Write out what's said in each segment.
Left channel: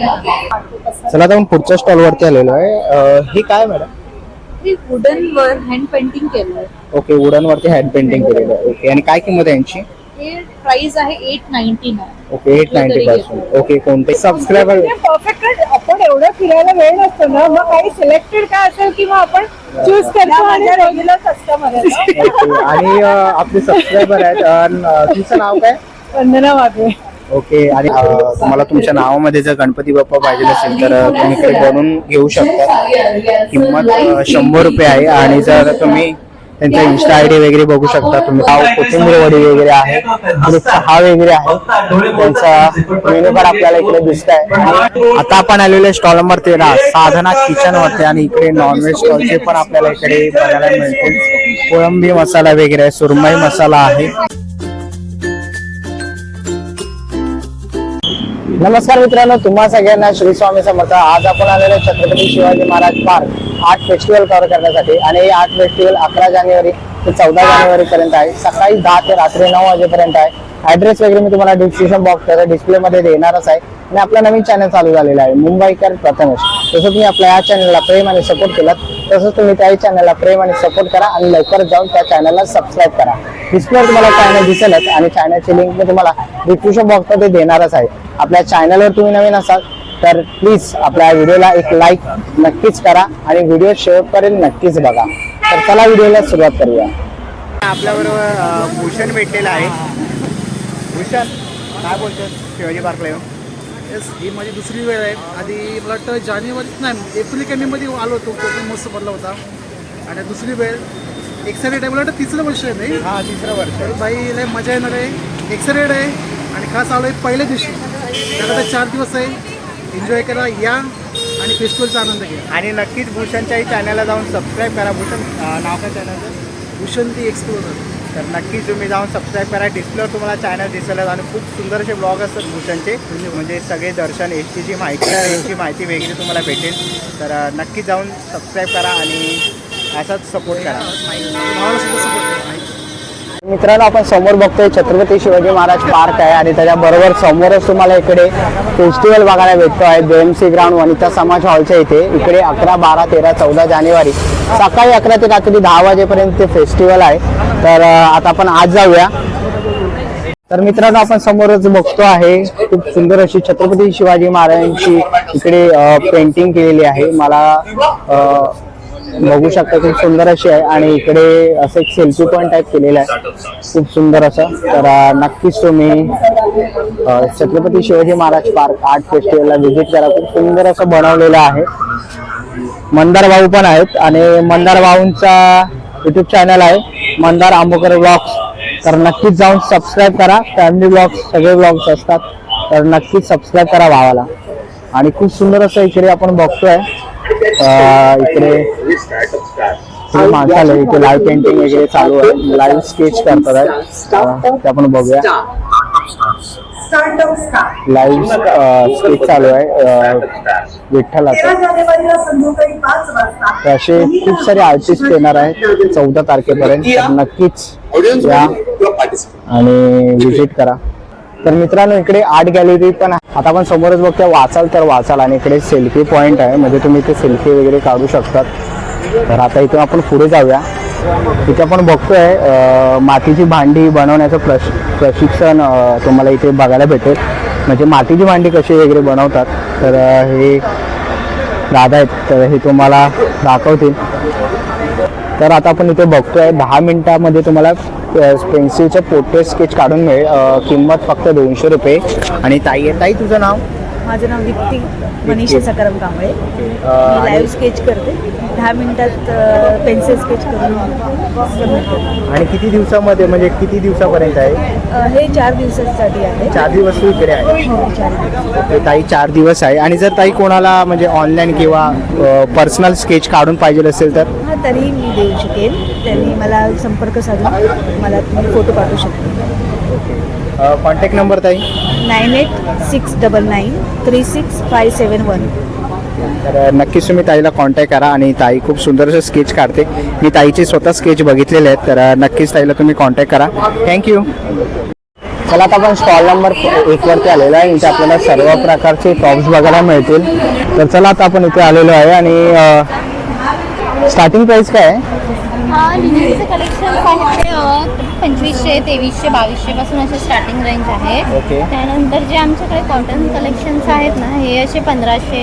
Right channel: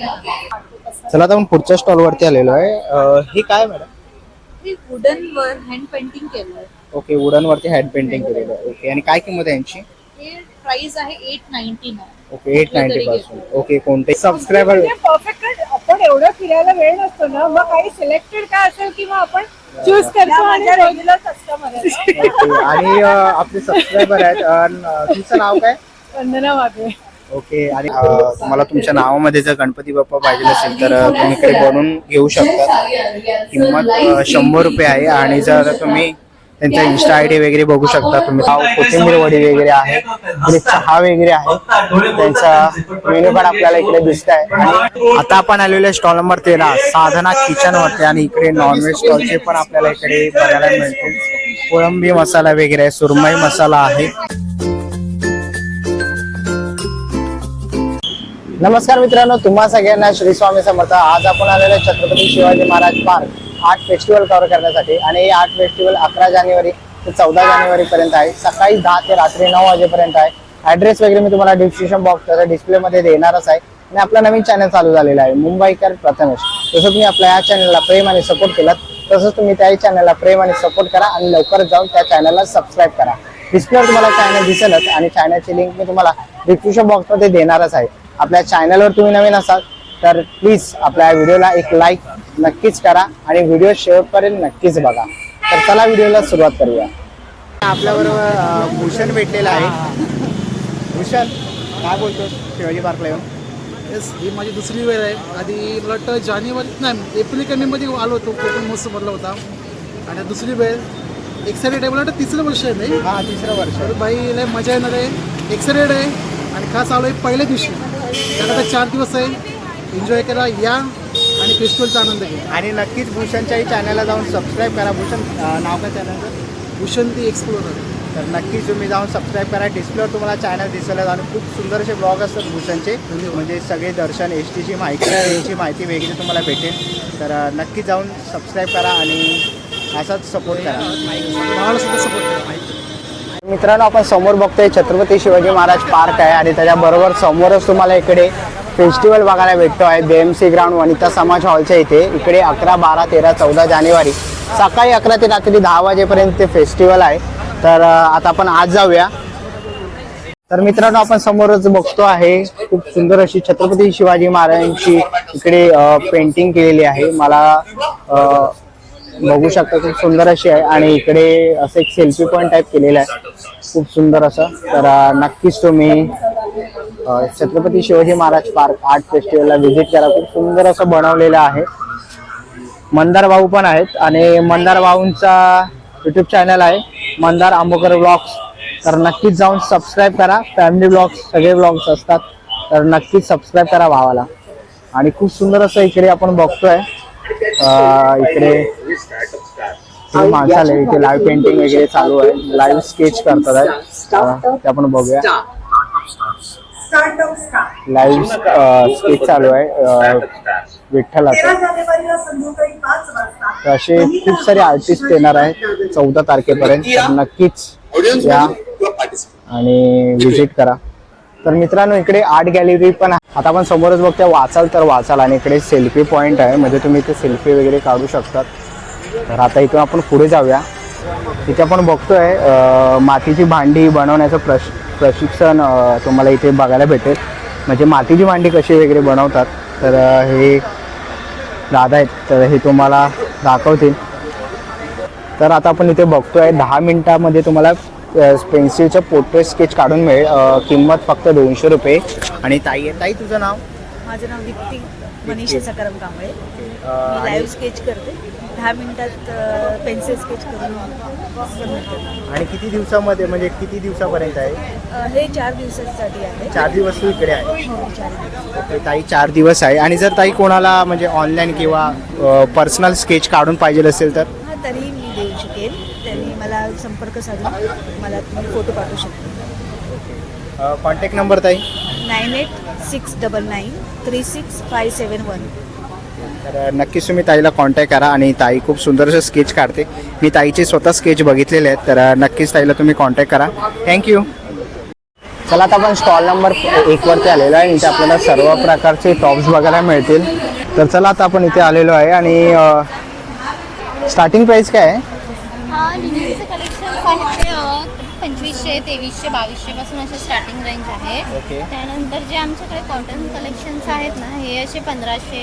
चला आता आपण पुढच्या स्टॉल वरती आलेलो आहे. हे काय मॅडम? वुडन वर हँड पेंटिंग केलंय. ओके, वुडन वरती हँड पेंटिंग केलेलं आहे. ओके, आणि काय किंमत आहे यांची? हे प्राइस आहे 899. ओके, 890 पासून. ओके, कोणते सबस्क्रायबर? परफेक्ट. आपण एवढं फिरायला वेळ नसतो ना, मग काही सिलेक्टेड काय असेल की मग आपण चूज करतो आणि रेग्युलर कस्टमर आहे. आणि आपले सबस्क्रायबर आहेत. तुमचं नाव काय? वंदना वाघे. ओके, आणि तुम्हाला तुमच्या नावामध्ये जर गणपती बाप्पा पाहिजे असेल तर तुम्ही इकडे बनवून घेऊ शकता. किंमत 100 रुपये आहे. आणि जर तुम्ही त्यांचा इन्स्टा आयडी वगैरे बघू शकता तुम्ही. कोथिंबीर वडी वगैरे आहे आणि चहा वगैरे आहे. त्यांचा मेनू कार्ड आपल्याला इकडे दिसत आहे. आता आपण आलेले स्टॉल नंबर 13 साधना किचन वरती, आणि इकडे नॉनव्हेज स्टॉलचे पण आपल्याला इकडे बघायला मिळतील. कोळंबी मसाला वगैरे, सुरमई मसाला आहे. नमस्कार मित्रांनो, तुम्हा सगळ्यांना श्री स्वामी समर्थ. आज आपण आलेले Chhatrapati Shivaji Maharaj park art festival cover करण्यासाठी. आणि हे आर्ट फेस्टिवल 11 जानेवारी ते 14 जानेवारी पर्यंत आहे. सकाळी 10 ते रात्री 9 वाजेपर्यंत आहे. ऍड्रेस वगैरे मी तुम्हाला डिस्क्रिप्शन बॉक्स त्याचा डिस्प्ले मध्ये देणारच आहे. आणि आपला नवीन चॅनल चालू झालेला आहे मुंबईकर प्रथमेश. तसं तुम्ही आपल्या या चॅनलला प्रेम आणि सपोर्ट केलात, तसंच तुम्ही त्या चॅनलला प्रेम आणि सपोर्ट करा आणि लवकर जाऊन त्या चॅनलला सबस्क्राईब करा. डिस्प्लेवर तुम्हाला चॅनल दिसेलच आणि चॅनलची लिंक मी तुम्हाला डिस्क्रिप्शन बॉक्स मध्ये देणारच आहे. आपल्या चॅनलवर तुम्ही नवीन असाल तर प्लीज आपल्या व्हिडिओला एक लाईक नक्कीच करा आणि व्हिडिओ शेवटपर्यंत नक्कीच बघा. तर चला व्हिडिओला सुरुवात करूया. आपल्याबरोबर भूषण भेटलेला आहे. भूषण, काय बोलतो शिवाजी पार्कला येऊन? येस, ही माझी दुसरी वेळ आहे. आधी मला वाटतं जानेवारी नाही एप्रिल कंडीमध्ये आलो होतो, कोकण महोत्सव भरला होता. आणि दुसरी वेळ एक्साइटेड आहे. मला वाटतं तिसरं वर्ष आहे नाही? हा, तिसरं वर्ष. तर बाई लय मजा येणार आहे, एक्साइटेड आहे. आणि खास आलो आहे पहिल्या दिवशी. त्याला 4 दिवस आहे, एन्जॉय करा या आणि फेस्टिवलचा आनंद घ्या. आणि नक्कीच भूषणच्याही चॅनलला जाऊन सबस्क्राईब करा. भूषण नाव काय चॅनलचं? भूषण ती एक्सप्लोरर. तर नक्कीच तुम्ही जाऊन सबस्क्राईब करा. डिस्प्लेवर तुम्हाला चॅनल दिसेल आणि खूप सुंदर असे ब्लॉग असतात भूषणचे. म्हणजे सगळे दर्शन एस टीची माहिती, ट्रेनची माहिती वगैरे तुम्हाला भेटेल. तर नक्कीच जाऊन सबस्क्राईब करा आणि असाच सपोर्ट करा. भावाला सुद्धा सपोर्ट करा. मित्रांनो, आपण समोर बघतोय छत्रपती शिवाजी महाराज पार्क आहे आणि त्याच्याबरोबर समोरच तुम्हाला इकडे फेस्टिवल बघायला भेटतो आहे. जेएमसी ग्राउंड वनिता समाज हॉलच्या इथे. इकडे 11, 12, 13, 14 जानेवारी सकाळी 11 ते रात्री 10 वाजेपर्यंत ते फेस्टिवल आहे. तर आता आपण आज जाऊया. तर मित्रांनो, आपण समोरच बघतो आहे खूप सुंदर अशी छत्रपती शिवाजी महाराजांची इकडे पेंटिंग केलेली आहे. मला बघू शकता खूप सुंदर अशी आहे. आणि इकडे असं एक सेल्फी पॉइंट टाईप केलेला आहे खूप सुंदर असं. तर नक्कीच तुम्ही छत्रपती शिवाजी महाराज पार्क आर्ट फेस्टिवलला व्हिजिट करा. खूप सुंदर असं बनवलेलं आहे. मंदार भाऊ पण आहेत आणि मंदार भाऊंचा युट्यूब चॅनल आहे मंदार आंबोकर ब्लॉग्स. तर नक्कीच जाऊन सबस्क्राईब करा. फॅमिली ब्लॉग्स सगळे ब्लॉग्स असतात, तर नक्कीच सबस्क्राईब करा भावाला. आणि खूप सुंदर असं इकडे आपण बघतोय इकडे माणसाला इथे लाईव्ह पेंटिंग वगैरे चालू आहे. लाईव्ह स्केच करतात आहे ते आपण बघूया. लाईव्ह स्केच चालू आहे विठ्ठलाचं. तर असे खूप सारे आर्टिस्ट येणार आहेत 14 तारखेपर्यंत. नक्कीच या आणि व्हिजिट करा. तर मित्रांनो, इकडे आर्ट गॅलरी पण आहे. आता आपण समोरच बघतोय वाचाल तर वाचाल आणि इकडे सेल्फी पॉइंट आहे, म्हणजे तुम्ही इथे सेल्फी वगैरे काढू शकतात. तर आता इथे आपण पुढे जाऊया. इथे आपण बघतोय मातीची भांडी बनवण्याचं प्रशिक्षण तुम्हाला इथे बघायला भेटेल. म्हणजे मातीची भांडी कशी वगैरे बनवतात. तर हे दादा आहेत, तर हे तुम्हाला दाखवतील. तर आता आपण इथे बघतोय 10 मिनिटामध्ये तुम्हाला पेन्सिलचे पोर्ट्रेट स्केच काढून मिळेल. किंमत फक्त 200 रुपये. आणि ताई, तुझं नाव? माझं नाव दीप्ती मनीषा सकाराम कांबळे. मी लाईव्ह स्केच करते. 10 मिनिटात पेन्सिल स्केच करून. आणि किती दिवसामध्ये, म्हणजे किती दिवसापर्यंत आहे हे? 4 दिवसासाठी आहे. 4 दिवस तू इकडे आहे? हो, 4 दिवस. ताई 4 दिवस आहे. आणि जर ताई कोणाला म्हणजे ऑनलाईन किंवा पर्सनल स्केच काढून पाहिजे असेल तर? हां, तरीही मी देऊ शकेन. त्यांनी मला संपर्क साधून मला तुम्ही फोटो पाठवू शकतो. कॉन्टॅक्ट नंबर ताई? 986999 36571. तर नक्कीच तुम्ही ताईला कॉन्टॅक्ट करा. आणि ताई खूप सुंदर असं स्केच काढते. मी ताईचे स्वतः स्केच बघितलेले आहेत. तर नक्कीच ताईला तुम्ही कॉन्टॅक्ट करा. थँक्यू. चला आता आपण स्टॉल नंबर 1 वरती आलेलो आहे. इथे आपल्याला सर्व प्रकारचे टॉप्स बघायला मिळतील. तर चला आता आपण इथे आलेलो आहे आणि स्टार्टिंग प्राइस काय आहे? लिननचे कलेक्शन आहे 2500, 2300, 2200 पासून असे स्टार्टिंग रेंज आहे. ओके. त्यानंतर जे आमच्याकडे कॉटन कलेक्शन्स आहेत ना, हे असे 1500,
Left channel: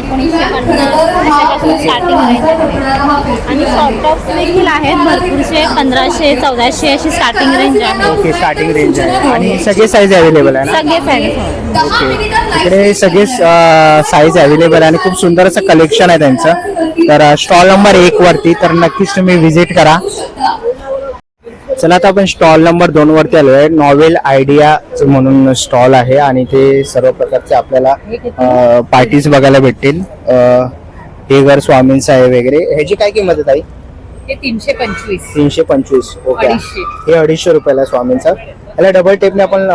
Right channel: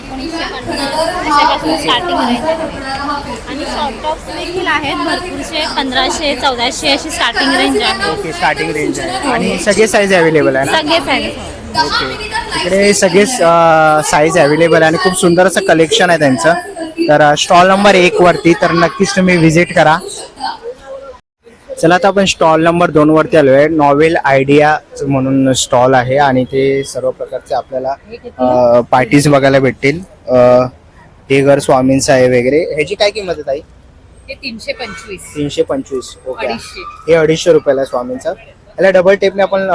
1950 अशापासून स्टार्टिंग रेंज आहे. आणि शॉर्ट टॉप्स देखील आहेत भरपूरसे 1500, 1400 अशी स्टार्टिंग रेंज आहे. ओके, स्टार्टिंग रेंज आहे आणि सगळे साईज अवेलेबल आहे ना? सगळे साईज. ओके, इकडे सगळे साईज अवेलेबल आहे आणि खूप सुंदर असं कलेक्शन आहे त्यांचं. तर स्टॉल नंबर 1 वरती तर नक्कीच तुम्ही व्हिजिट करा. चला आता आपण स्टॉल नंबर 2 वरती आलो आहे. नॉवेल आयडिया म्हणून स्टॉल आहे आणि ते सर्व प्रकारचे आपल्याला पार्टीज बघायला भेटतील. हे घर स्वामींचं आहे वगैरे. ह्याची काय किंमत आहे ताई? हे 325. 325. ओके, 250. हे 250 रुपयाला स्वामींचं. याला डबल टेपने आपण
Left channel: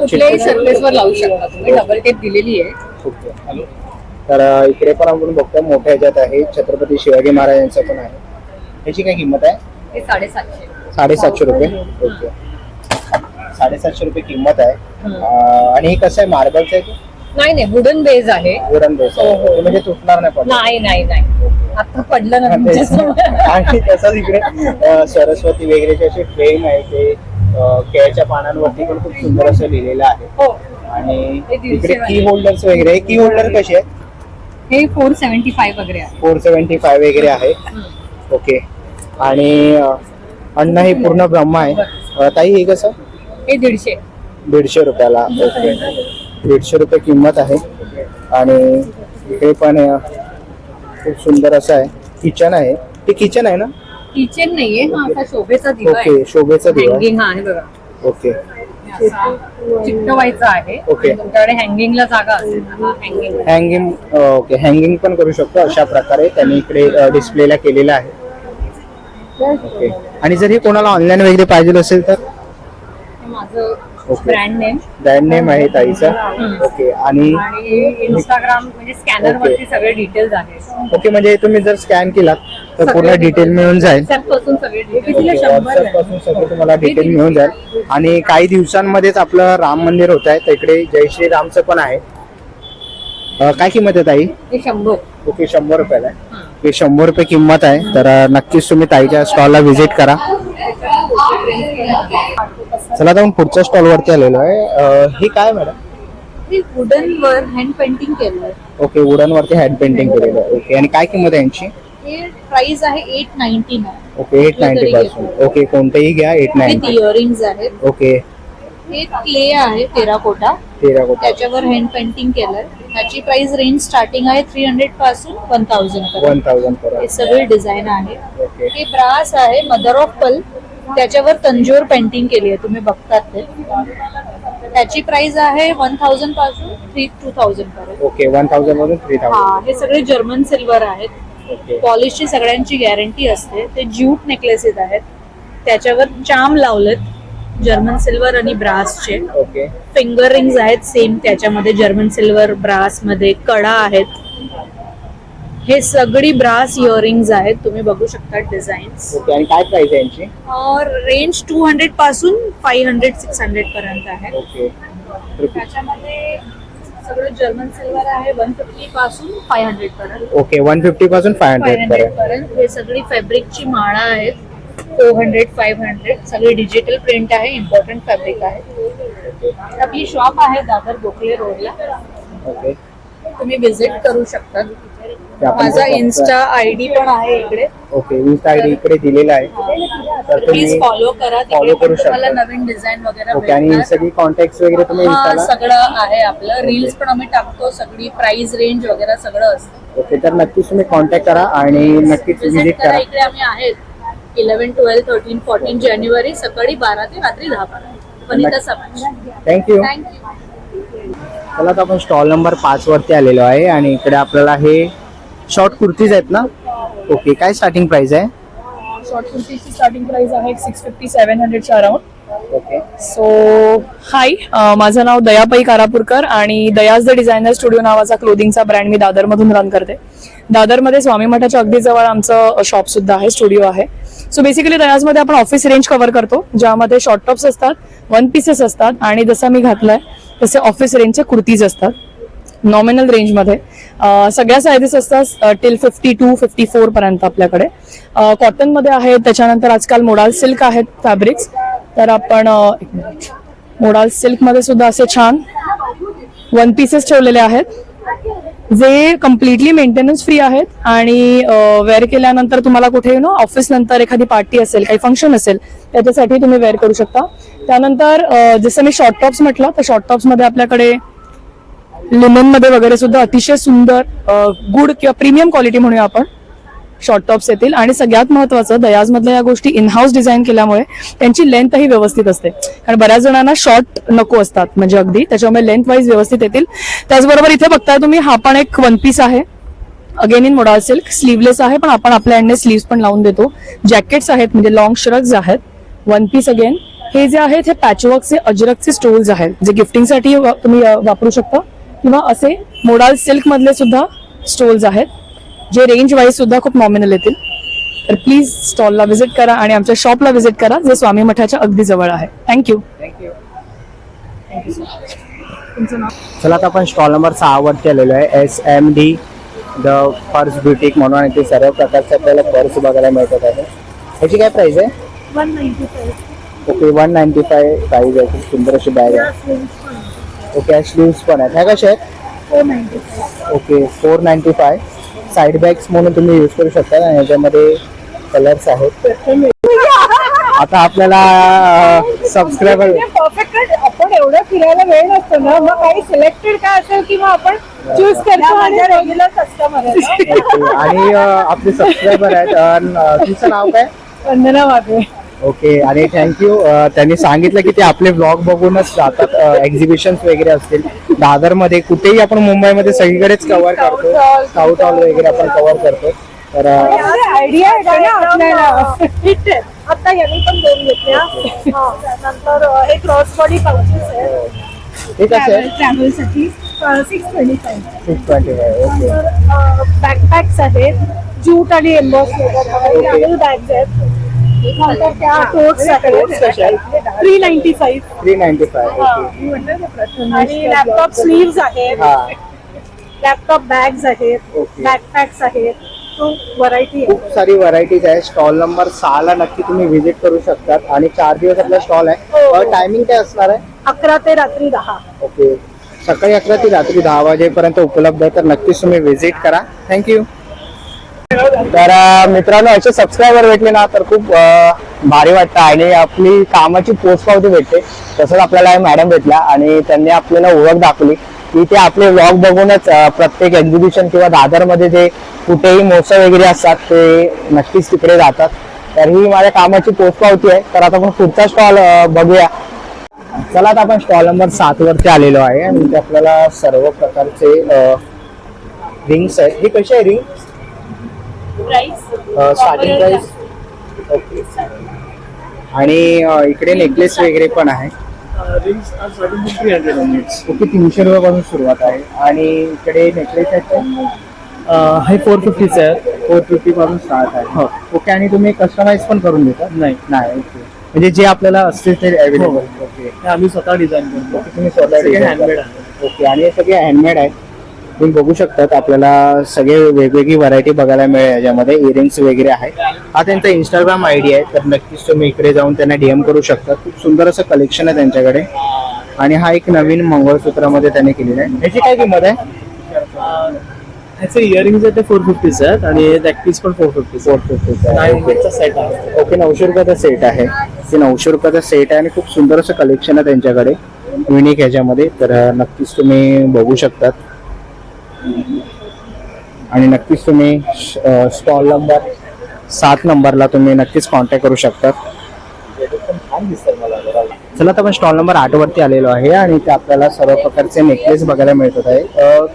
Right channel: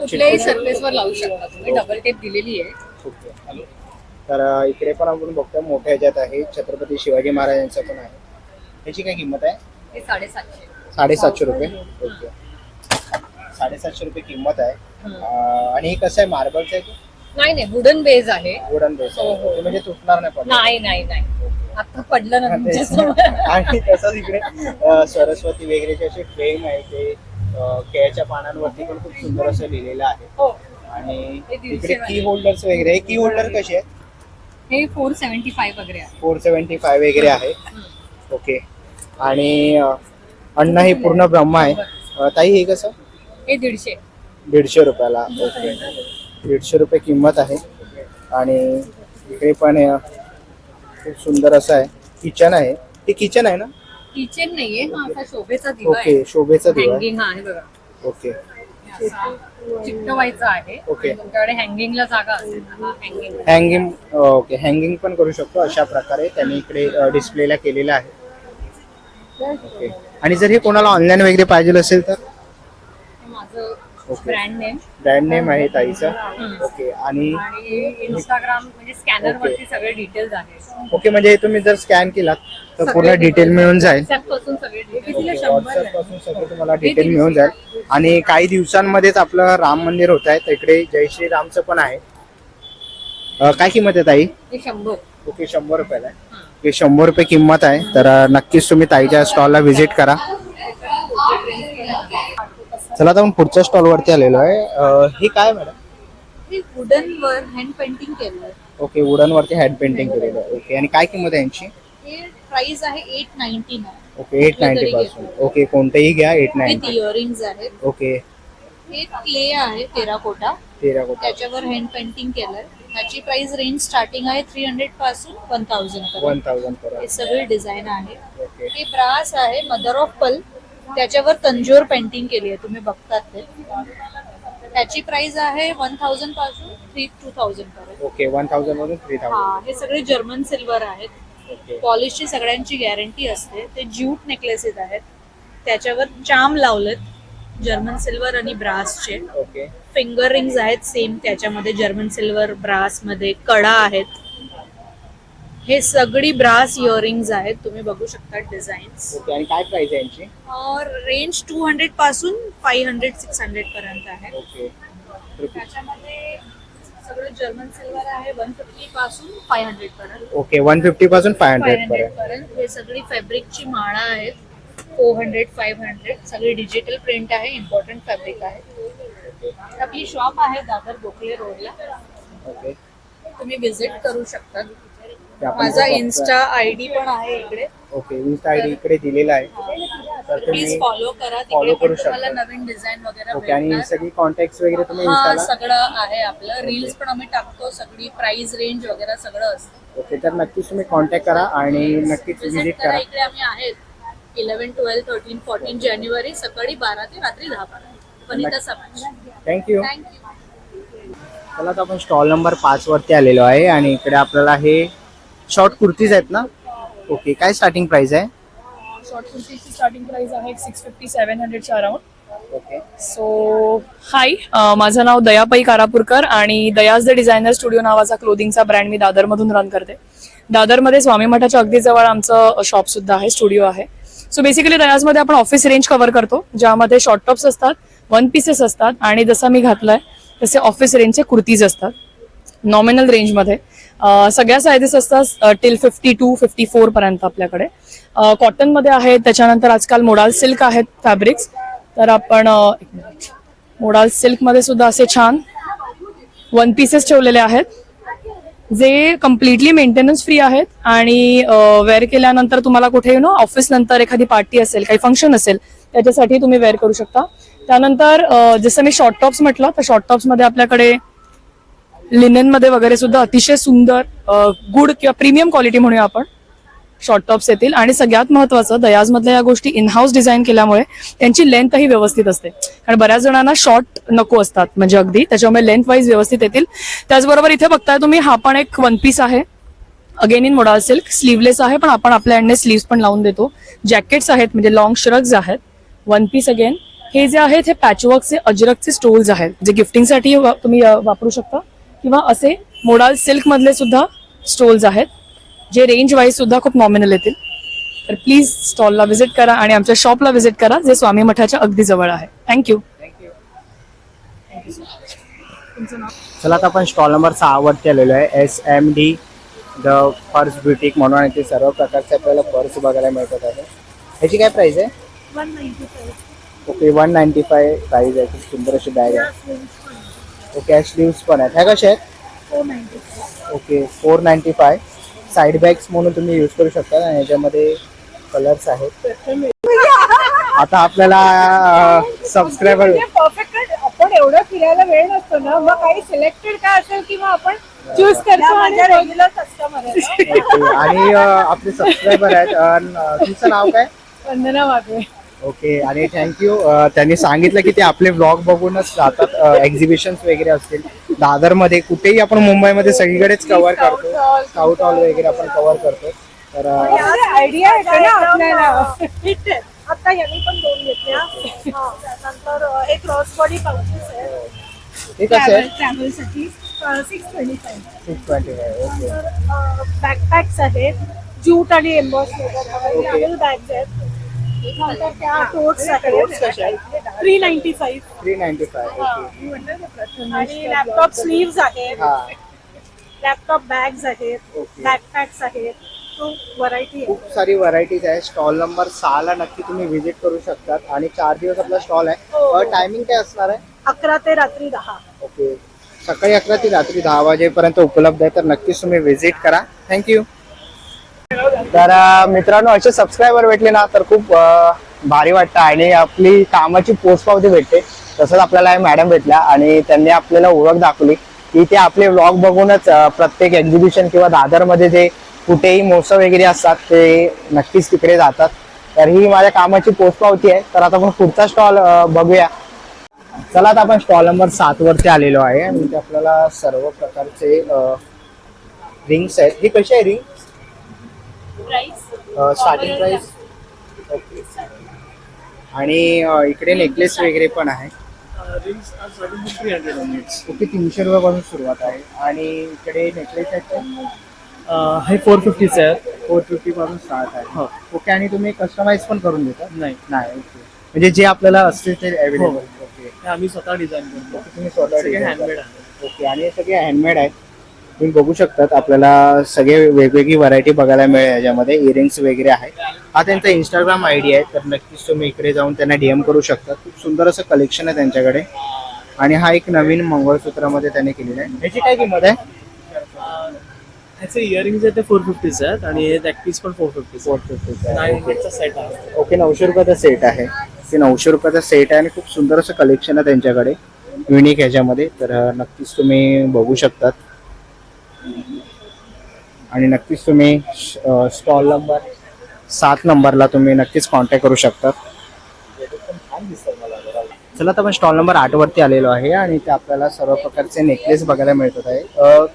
कुठल्याही सरफेसवर लावू शकता तुम्ही. डबल टेप दिलेली आहे. ओके. तर इकडे पण आपण बघतो मोठ्या ह्याच्यात आहे छत्रपती शिवाजी महाराजांचं पण आहे. ह्याची काय किंमत आहे? हे 750. 750 रुपये. ओके, 750 रुपये किंमत आहे. आणि हे कसं आहे, मार्बलचं आहे? नाही, वुडन बेस आहे. वुडन बेस हो, हो. आहे म्हणजे तुटणार नाही पण. नाही. आता पडलं ना तुमच्यासमोर. आणि तसंच इकडे सरस्वती वगैरेचे असे फ्रेम आहे ते केळ्याच्या पानांवरती पण खूप सुंदर असं लिहिलेलं आहे. हो. आणि हे 150 इकडे की होल्डर्स वगैरे. की होल्डर कसे आहेत? हे 475 वगैरे आहे. 475 वगैरे आहे. ओके. आणि अण्णा हे पूर्ण ब्रह्म आहे. ताई हे कसं? हे 150. 150 रुपयाला. ओके, 150 रुपये किंमत आहे. आणि इकडे पण खूप सुंदर असं आहे. किचन आहे. हे किचन आहे ना? किचन नाहीये, हा असा शोभेचा दिवा आहे. ओके, शोभेचा दिवा. हँगिंग आहे बघा. ओके. चिकटवायचा आहे. ओके. तुमच्याकडे हँगिंगला जागा असेल हँगिंग. हँगिंग. ओके, हँगिंग पण करू शकतो अशा प्रकारे त्यांनी इकडे डिस्प्लेला केलेलं आहे. ओके. आणि जर हे कोणाला ऑनलाईन वगैरे पाहिजे असेल तर? माझं okay. Brand name. Brand name आहे ताईचा. ओके. आणि इंस्टाग्राम म्हणजे स्कॅनर वरती सगळे डिटेल्स आहेत. ओके, म्हणजे तुम्ही जर स्कॅन केला तर पूर्ण डिटेल मिळून जाईल. पासून सगळे डिटेल्स. व्हॉट्सअपपासून सगळं तुम्हाला डिटेल मिळून जाईल. आणि काही दिवसांमध्येच आपलं राम मंदिर होत आहे तर इकडे जय श्रीरामचं पण आहे. काय किंमत आहे ताई? हे 100. ओके, 100 रुपयाला आहे. हे 100 रुपये किंमत आहे. तर नक्कीच तुम्ही ताईच्या स्टॉलला व्हिजिट करा. चला आता आपण पुढच्या स्टॉल वरती आलेलो आहे. हे काय मॅडम? हे वुडन वर हँड पेंटिंग केलंय. ओके, वुडन वरती हँड पेंटिंग केलेलं आहे. ओके. आणि काय किंमत आहे यांची? हे प्राइस आहे 899. ओके, 890 पासून. ओके, कोणतेही घ्या विथ 890. इयरिंग्स आहेत. ओके. हे क्ले आहे टेराकोटा. टेराकोटा. त्याच्यावर हँड पेंटिंग केलंय. त्याची प्राइस रेंज स्टार्टिंग आहे 300 पासून 1000 पर्यंत. 1000 हे पर्यंत. सगळे डिझाईन आहे. ओके. हे ब्रास आहे मदर ऑफ पल. त्याच्यावर तंजूर पेंटिंग केली आहे, तुम्ही बघतात ते. त्याची प्राइस आहे 1000 पासून 2000 पर्यंत. ओके, 1000 मधून 3000. हा, हे सगळे जर्मन सिल्वर आहेत. ओके. पॉलिशची सगळ्यांची गॅरंटी असते. ते ज्यूट नेकलेसेस आहेत. त्याच्यावर चाम लावलेत जर्मन सिल्वर आणि ब्रासचे. ओके. फिंगर रिंग्स आहेत सेम त्याच्यामध्ये जर्मन सिल्वर ब्रास मध्ये. कडा आहेत. हे सगळी ब्रास इयरिंग्स आहेत, तुम्ही बघू शकता डिझाईन्स. ओके. आणि काय प्राइस आहे यांची? रेंज 200 पासून 500, 600 पर्यंत आहे. ओके. त्याच्यामध्ये सगळं जर्मन सिल्वर आहे 150 पासून 500 पर्यंत. ओके, 150 पासून 500 500 पर्यंत. पर्यंत. हे सगळी फॅब्रिकची माळा आहेत 400, 500. सगळी डिजिटल प्रिंट आहे. इम्पॉर्टंट फॅब्रिक आहे. आपली शॉप आहे दादर गोखले रोडला. ओके. तुम्ही विजिट करू शकता. ते आपण माझा बघू इन्स्टा आयडी पण आहे इकडे. ओके, इन्स्टा आयडी इकडे दिलेला आहे. तर प्लीज तुम्ही फॉलो करा. follow तिकडे करू पण तुम्हाला शकता. नवीन डिझाईन वगैरे ओके. आणि भेटणार. सगळी कॉन्टॅक्ट वगैरे तुम्ही हा, इन्स्टाला. सगळं आहे आपलं. रील्स पण आम्ही टाकतो. सगळी प्राइस रेंज वगैरे सगळं असतं. ओके, तर नक्कीच तुम्ही कॉन्टॅक्ट करा आणि नक्कीच विजिट व्हिजिट करा. करा. इकडे आम्ही आहेत 11, 12, 13, 14 जानेवारी सकाळी 12 ते रात्री 10 पर्यंत. वनिता समाज. थँक्यू. थँक्यू. चला आता आपण स्टॉल नंबर 5 वरती आलेलो आहे आणि इकडे आपल्याला हे शॉर्ट कुर्तीज आहेत ना? ओके, काय स्टार्टिंग प्राइस आहे? शॉर्ट कुर्तीची स्टार्टिंग प्राइस आहे 650-700च्या अराउंड. ओके. सो हाय, माझं नाव दयापाई कारापूरकर आणि दयाज द डिझायनर स्टुडिओ नावाचा क्लोदिंगचा ब्रँड मी दादरमधून रन करते. दादरमध्ये स्वामी मठाच्या अगदी जवळ आमचं शॉप सुद्धा आहे, स्टुडिओ आहे. सो बेसिकली दयाजमध्ये आपण ऑफिस रेंज कव्हर करतो, ज्यामध्ये शॉर्ट टॉप्स असतात, वन पीसेस असतात आणि जसं मी घातलंय तसे ऑफिस रेंजचे कुर्तीज असतात नॉमिनल रेंजमध्ये. सगळ्या साईजेस असतात टिल 52, 54 पर्यंत आपल्याकडे. कॉटनमध्ये आहेत, त्याच्यानंतर आजकाल मोडाल सिल्क आहेत फॅब्रिक्स. तर आपण मोडाल सिल्कमध्ये सुद्धा असे छान वन पीसेस ठेवलेले आहेत जे कम्प्लिटली मेंटेनन्स फ्री आहेत आणि वेअर केल्यानंतर तुम्हाला कुठे ऑफिस नंतर एखादी पार्टी असेल, काही फंक्शन असेल, त्याच्यासाठी तुम्ही वेअर करू शकता. त्यानंतर जसं मी शॉर्ट टॉप्स म्हटलं, तर शॉर्ट टॉप्स मध्ये आपल्याकडे लिनन मध्ये वगैरे सुद्धा अतिशय सुंदर गुड किंवा प्रीमियम क्वालिटी म्हणूया आपण शॉर्ट टॉप्स येतील. आणि सगळ्यात महत्वाचं, दयाज मधल्या या गोष्टी इन हाऊस डिझाईन केल्यामुळे त्यांची लेंथही व्यवस्थित असते, कारण बऱ्याच जणांना शॉर्ट नको असतात म्हणजे अगदी, त्याच्यामुळे लेंथ वाईज व्यवस्थित येतील. त्याचबरोबर इथे बघताय तुम्ही, हा पण एक वन पीस आहे, again in modal silk, sleeveless आहे, पण आपण आपल्या एंडने स्लीव्स पण लावून देतो. जॅकेट्स आहेत म्हणजे लॉंग श्रग्स आहेत, वन पीस अगेन. हे जे आहेत हे पॅचवर्कचे अजरकचे स्टोल्स आहेत, जे गिफ्टिंगसाठी तुम्ही वापरू शकता, किंवा असे मोडाल सिल्क मधले सुद्धा स्टोल्स आहेत जे रेंज वाईज सुद्धा खूप नॉमिनल येतील. तर प्लीज स्टॉलला व्हिजिट करा आणि आमच्या शॉपला व्हिजिट करा, जे स्वामी मठाच्या अगदी जवळ आहे. थँक्यू. चला आता आपण स्टॉल नंबर 6 वरती आलेलो आहे. SMD द पर्स ब्युटिक म्हणून, आणि ते सर्व प्रकारचे आपल्याला पर्स बघायला मिळतात आहे. याची काय प्राइस आहे? 195. ओके, 195 प्राइस आहे. खूप सुंदर अशी बॅग आहे. ओके, स्लीव्स पण आहेत. ह्या कशा आहेत? 495. ओके, 495. साईड बॅग्स म्हणून तुम्ही यूज करू शकता आणि याच्यामध्ये कलर्स आहेत. आता आपल्याला सबस्क्रायबर परफेक्ट, आपण एवढं फिरायला वेळ नसतो ना, मग काही सिलेक्टेड काय असेल की मग आपण चूज करतो. माझ्या रेग्युलर कस्टमर आहे. आणि आपले सबस्क्रायबर आहेत. तुमचं नाव काय? वंदना वाघे. ओके, आणि थँक्यू. त्यांनी सांगितलं की ते आपले व्लॉग बघूनच जातात. एक्झिबिशन्स वगैरे असतील दादरमध्ये, कुठेही आपण मुंबईमध्ये सगळीकडेच कव्हर करतो. साऊथ हॉल वगैरे आपण कव्हर करतो. तर आयडिया आहे ना आपल्याला. आता यांनी पण दोन घेतल्या. नंतर हे क्रॉस बॉडी पाउचेस आहेत हे कसे आहे? ट्रॅव्हलसाठी 625. 625. ओके. बॅकपॅक्स आहेत, ज्यूट आणि एम्बॉस ट्रॅव्हल बॅग्स आहेत. नंतर त्या टोट्स आहेत 395. 395. ओके. आणि लॅपटॉप स्लीव्स आहेत, हा, लॅपटॉप बॅग्स आहेत, ओके. बॅकपॅक्स आहेत. व्हरायटी खूप सारी व्हरायटीज आहे. स्टॉल नंबर 6 ला नक्की तुम्ही व्हिजिट करू शकतात. आणि 4 दिवस आपला स्टॉल आहे. टायमिंग काय असणार आहे? 11 ते रात्री 10. ओके, सकाळी 11 ते रात्री 10 वाजेपर्यंत उपलब्ध आहे. तर नक्कीच तुम्ही व्हिजिट करा. थँक्यू. तर मित्रांनो, असे सबस्क्रायबर भेटले ना तर खूप भारी वाटतं आणि आपली कामाची पोचपावती भेटते. तसंच आपल्याला मॅडम भेटल्या आणि त्यांनी आपल्याला ओळख दाखवली की ते आपले व्लॉग बघूनच प्रत्येक एक्झिबिशन किंवा दादरमध्ये जे कुठेही महोत्सव वगैरे असतात ते नक्कीच तिकडे जातात. तर ही माझ्या कामाची पोचपावती आहे. तर आता आपण पुढचा स्टॉल बघूया. चला, आता आपण स्टॉल नंबर 7 वरती आलेलो आहे आणि इथे आपल्याला सर्व प्रकारचे रिंग्स आहेत. ही कशी आहे रिंग? Starting price. ओके. आणि इकडे नेकलेस वगैरे पण आहे. ओके, 300 रुपयापासून सुरुवात आहे. आणि इकडे नेकलेस आहेत हे 450 आहे. 450 पासून स्टार्ट आहे. हो. ओके, आणि तुम्ही कस्टमाइज पण करून देता? नाही, नाही. ओके, म्हणजे जे आपल्याला असते ते अवेलेबल. ओके, हे आम्ही स्वतः डिझाईन करतो. तुम्ही स्वतः सगळे design हँडमेड करता. आहे. ओके, आणि हे सगळे हँडमेड आहेत. तुम्ही बघू शकतात आपल्याला सगळे वेगवेगळी व्हरायटी बघायला मिळेल. याच्यामध्ये इयरिंग्स वगैरे आहे. हा त्यांचा इंस्टाग्राम आयडी आहे, तर नक्कीच तुम्ही इकडे जाऊन त्यांना DM करू शकता. खूप सुंदर असं कलेक्शन आहे त्यांच्याकडे. आणि हा एक नवीन मंगळसूत्रामध्ये त्याने केलेला आहे. याची काय किंमत आहे? ह्याचे इयरिंग्स आहेत ते 450 आहेत आणि नॅकपीस पण 450 आहे. सेट आहे. ओके, 900 रुपयाचा सेट आहे. ते 900 रुपयाचा सेट आहे आणि खूप सुंदर असं कलेक्शन आहे त्यांच्याकडे युनिक ह्याच्यामध्ये. तर नक्कीच तुम्ही बघू शकतात आणि नक्कीच तुम्ही स्टॉल नंबर 7 नंबरला तुम्ही नक्कीच कॉन्टॅक्ट करू शकता. चला, तर आपण स्टॉल नंबर 8 वरती आलेलो आहे आणि इथे आपल्याला सर्व प्रकारचे नेकलेस बघायला मिळत आहे.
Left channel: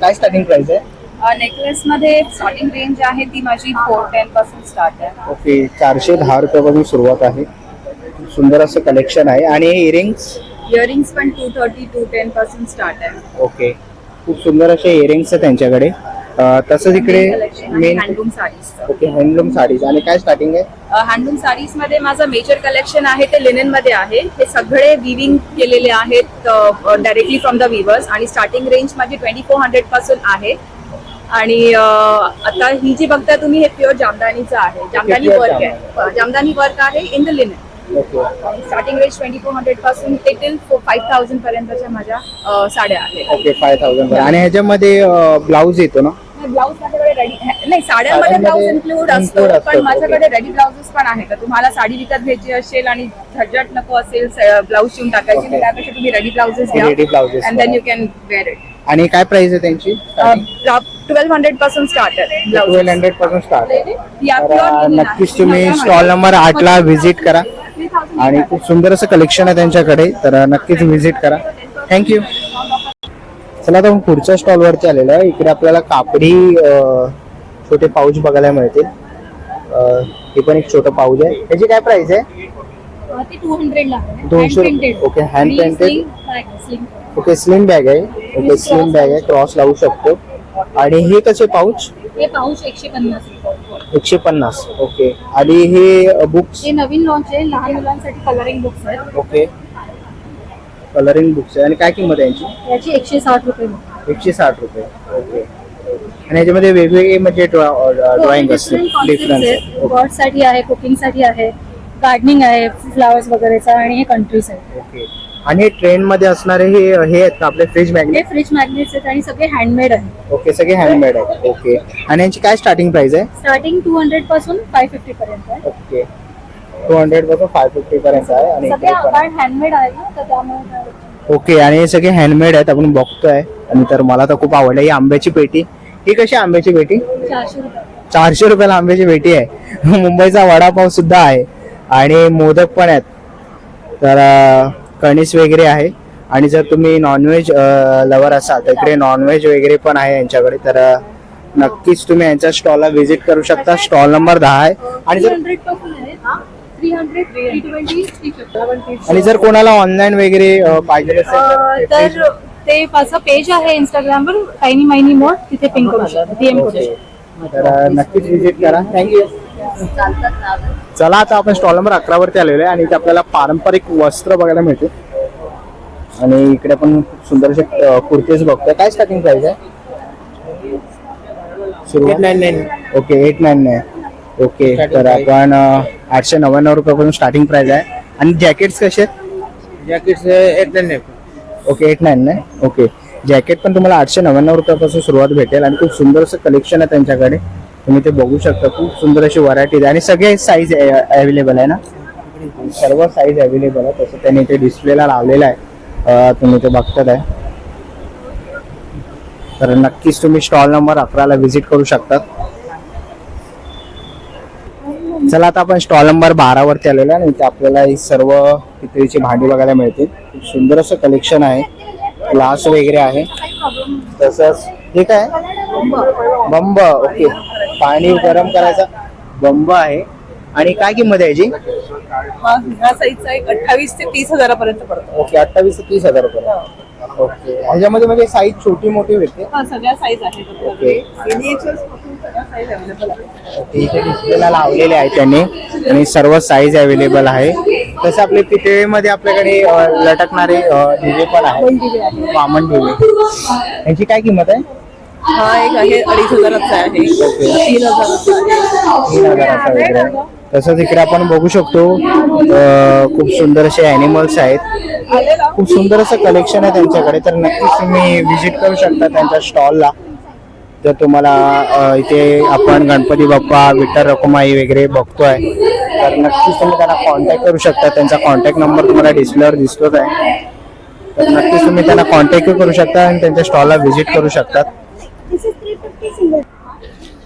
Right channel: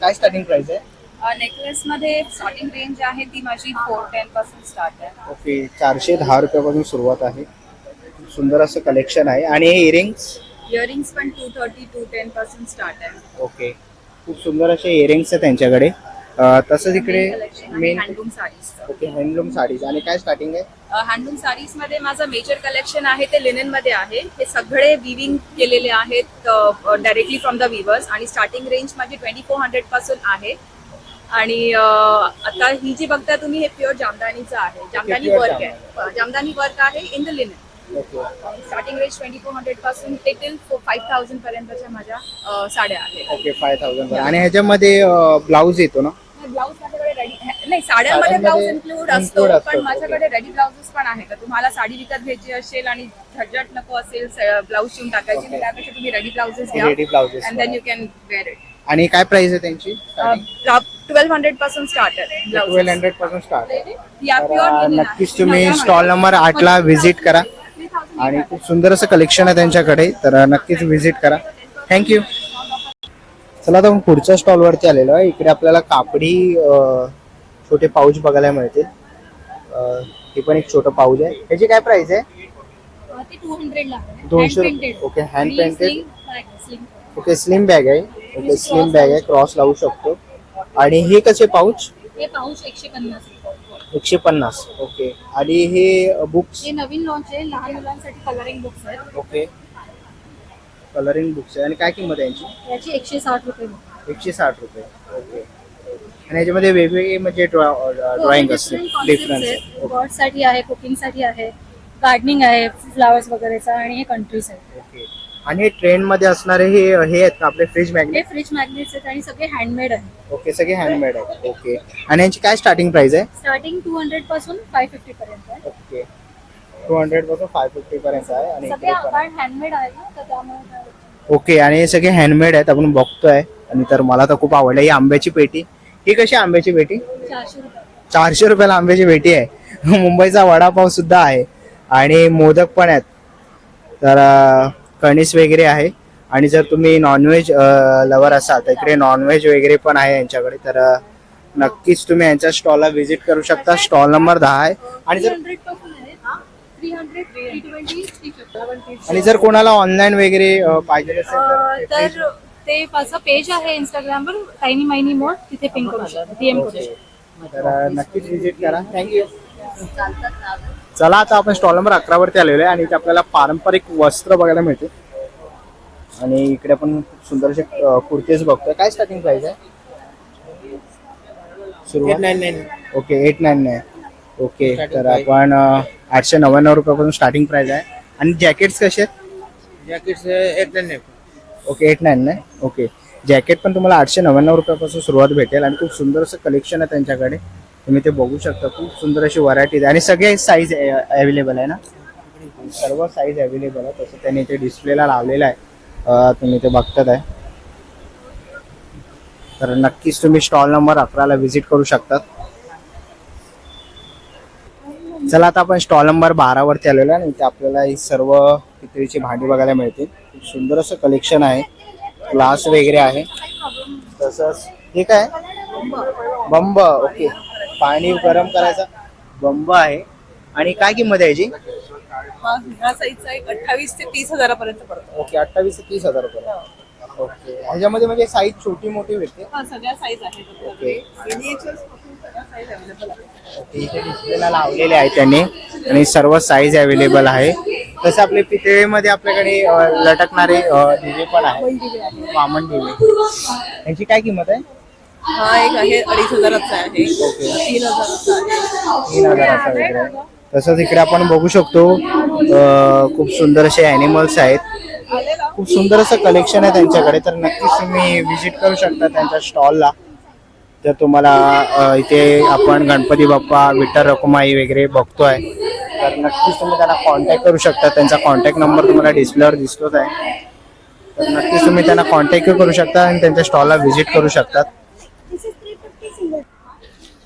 काय स्टार्टिंग प्राइस आहे? नेकलेस मध्ये स्टार्टिंग रेंज आहे ती माझी 410 पासून स्टार्ट आहे. ओके, 410 रुपयापासून सुरुवात आहे. सुंदर असं कलेक्शन आहे. आणि इयरिंग्स? इयरिंग्स पण 230 210 पासून स्टार्ट आहे. ओके, खूप सुंदर असे इयरिंग्स आहेत त्यांच्याकडे. तसंच इकडे main handloom sarees. Okay handloom sarees आणि काय स्टार्टिंग आहे? हँडलूम साडीज मध्ये माझं मेजर कलेक्शन आहे ते लिनन मध्ये आहे. हे सगळे विविंग केलेले आहेत डायरेक्टली फ्रॉम द विवर्स आणि स्टार्टिंग रेंज माझी 2400 पासून आहे. आणि आता ही जी बघता तुम्ही हे प्युअर जामदानीचं आहे. जामदानी pure वर्क आहे. जामदानी वर्क आहे in the linen. Okay starting range 2400 पासून ते टिल 5000 पर्यंतच्या माझ्या साड्या आहेत. ओके 5000 आणि ह्याच्यामध्ये ब्लाऊज येतो ना? ब्लाऊज माझ्याकडे रेडी नाही, साड्यांमध्ये ब्लाऊज इन्क्लूड असतो include असतो, पण माझ्याकडे okay. रेडी ब्लाउजेस पण आहेत. तर तुम्हाला साडी विकत घ्यायची असेल आणि झटझट नको असेल ब्लाऊज शिवून टाकायची, Okay. त्यापेक्षा तुम्ही रेडी ब्लाउजेस घ्या Ready blouses अँड देन घ्या. You can wear it. आणि काय प्राइस आहे त्यांची? 1200 पासून स्टार्ट आहे ब्लाउज. 1200 पासून स्टार्ट आहे. या तर pure linen आहे. नक्कीच तुम्ही स्टॉल नंबर 8 ला व्हिजिट करा आणि खूप सुंदर असं कलेक्शन आहे त्यांच्याकडे, तर नक्कीच व्हिजिट करा. थँक्यू. चला आता आपण पुढच्या स्टॉल वरती आलेलो आहे. इकडे आपल्याला कापडी छोटे पाऊच बघायला मिळतील. हे पण एक छोटं पाऊच आहे. त्याची काय प्राइस आहे? ते 200 ला आहे. 200 Hand painted. ओके हँड आणि painted. sling bag, sling. Okay slim bag आहे. ओके स्लिम बॅग आहे, क्रॉस लावू शकतो. आणि हे कसे पाऊच? हे पाऊच 150 रुपये. 150. ओके आणि हे बुक्स? हे नवीन लॉन्च आहे, लहान मुलांसाठी कलरिंग बुक्स आहेत. ओके कलरिंग बुक्स आहे आणि काय किंमत आहे यांची? याची 160 रुपये. 160 रुपये. ओके आणि याच्यामध्ये वेगवेगळे म्हणजे ड्रॉइंग असते डिफरन्स. गॉड साठी आहे, कुकिंग साठी आहे, गार्डनिंग आहे, फ्लावर्स वगैरेचा, आणि हे कंट्रीज आहे. ओके आणि हे ट्रेंड मध्ये असणारे हे आहेत का आपले फ्रीज हे मॅग्नेट? फ्रिज मॅग्नेट्स आहेत आणि सगळे हँडमेड आहे. ओके सगळे हँडमेड आहेत. ओके आणि यांची काय स्टार्टिंग प्राइस आहे? स्टार्टिंग 200 पासून 550 पर्यंत आहे. ओके 200 पासून 550 पर्यंत आहे. आणि सगळे इकडे पण आहे. हँडमेड आहे ना, तर त्यामुळे ओके आणि हे सगळे हँडमेड आहेत आपण बघतोय. आणि तर मला तर खूप आवडलं ही आंब्याची पेटी. ही कशी आंब्याची पेटी? 400 रुपये. 400 रुपयाला आंब्याची पेटी आहे. मुंबईचा वडापाव सुद्धा आहे आणि मोदक पण आहेत. तर कणीस वगैरे आहे. आणि जर तुम्ही नॉनव्हेज लवर असाल तर इकडे नॉनव्हेज वगैरे पण आहे यांच्याकडे. तर नक्कीच तुम्ही यांच्या स्टॉलला व्हिजिट करू शकता. स्टॉल नंबर 10 आहे. आणि जर 300 पासून आहे. 300, 320, 350. आणि जर कोणाला ऑनलाईन वगैरे पाहिजे असेल तर ते माझं पेज आहे इंस्टाग्रामवर, टायनी मायनी मोड, तिथे पिंक करू शकतो, DM करू शकतो. तर नक्कीच व्हिजिट करा. थँक्यू. चला आता आपण स्टॉल नंबर 11 वरती आलेलो आहे आणि इथे आपल्याला पारंपरिक वस्त्र बघायला मिळते. आणि इकडे आपण खूप सुंदर असे कुर्तीज बघतोय. काय स्टार्टिंग प्राइस आहे? 899. ओके 899. ओके तर आपण 899 रुपयापासून स्टार्टिंग प्राइस आहे. आणि जॅकेट्स कसे आहेत? जॅकेट्स 899. ओके 899. ओके जॅकेट पण तुम्हाला 899 रुपयापासून सुरुवात भेटेल. आणि खूप सुंदर असं कलेक्शन आहे त्यांच्याकडे, तुम्ही ते बघू शकता. खूप सुंदर अशी व्हरायटी आहे आणि सगळे साईज अवेलेबल आहे ना? सर्व साईज अवेलेबल आहे. तसं त्यांनी ते डिस्प्लेला लावलेलं आहे, तुम्ही ते बघतात आहे. तर नक्कीच तुम्ही स्टॉल नंबर 11 ला व्हिजिट करू शकता. चला आता आपण स्टॉल नंबर 12 वरती आलेलो आहे आणि इथे आपल्याला ही सर्व पितळीची भांडी बघायला मिळतील. खूप सुंदर असं कलेक्शन आहे, ग्लास वगैरे आहे. तसंच हे काय? बंब. ओके पाणी गरम करायचा बंब आहे. आणि काय किंमत आहे याची? हा साईजचा एक 28 ते 30 पर्यंत पडतो. ओके 28 ते 30 रुपये. ओके ह्याच्यामध्ये म्हणजे साईज छोटी मोठी भेटते? सगळ्या साईज आहेत. ओके सगळ्या साईज अवेलेबल आहे. ओके इथे डिस्प्लेला लावलेले आहे त्यांनी आणि सर्व साईज अवेलेबल आहे. तसं आपले पितळेमध्ये आपल्याकडे लटकणारे दिवे पण आहे, वामन दिवे. यांची काय किंमत आहे? हा एक आहे 2500चा आहे. 3000 वगैरे. तसंच इकडे आपण बघू शकतो खूप सुंदर असे अॅनिमल्स आहेत. खूप सुंदर असं कलेक्शन आहे त्यांच्याकडे. तर नक्कीच तुम्ही व्हिजिट करू शकता त्यांच्या स्टॉलला. तर तुम्हाला इथे आपण गणपती बाप्पा, विठ्ठल रखुमाई वगैरे बघतोय. तर नक्कीच तुम्ही त्यांना कॉन्टॅक्ट करू शकता. त्यांचा कॉन्टॅक्ट नंबर तुम्हाला डिस्प्लेवर दिसतोच आहे. तर नक्कीच तुम्ही त्यांना कॉन्टॅक्ट करू शकता आणि त्यांच्या स्टॉलला व्हिजिट करू शकता.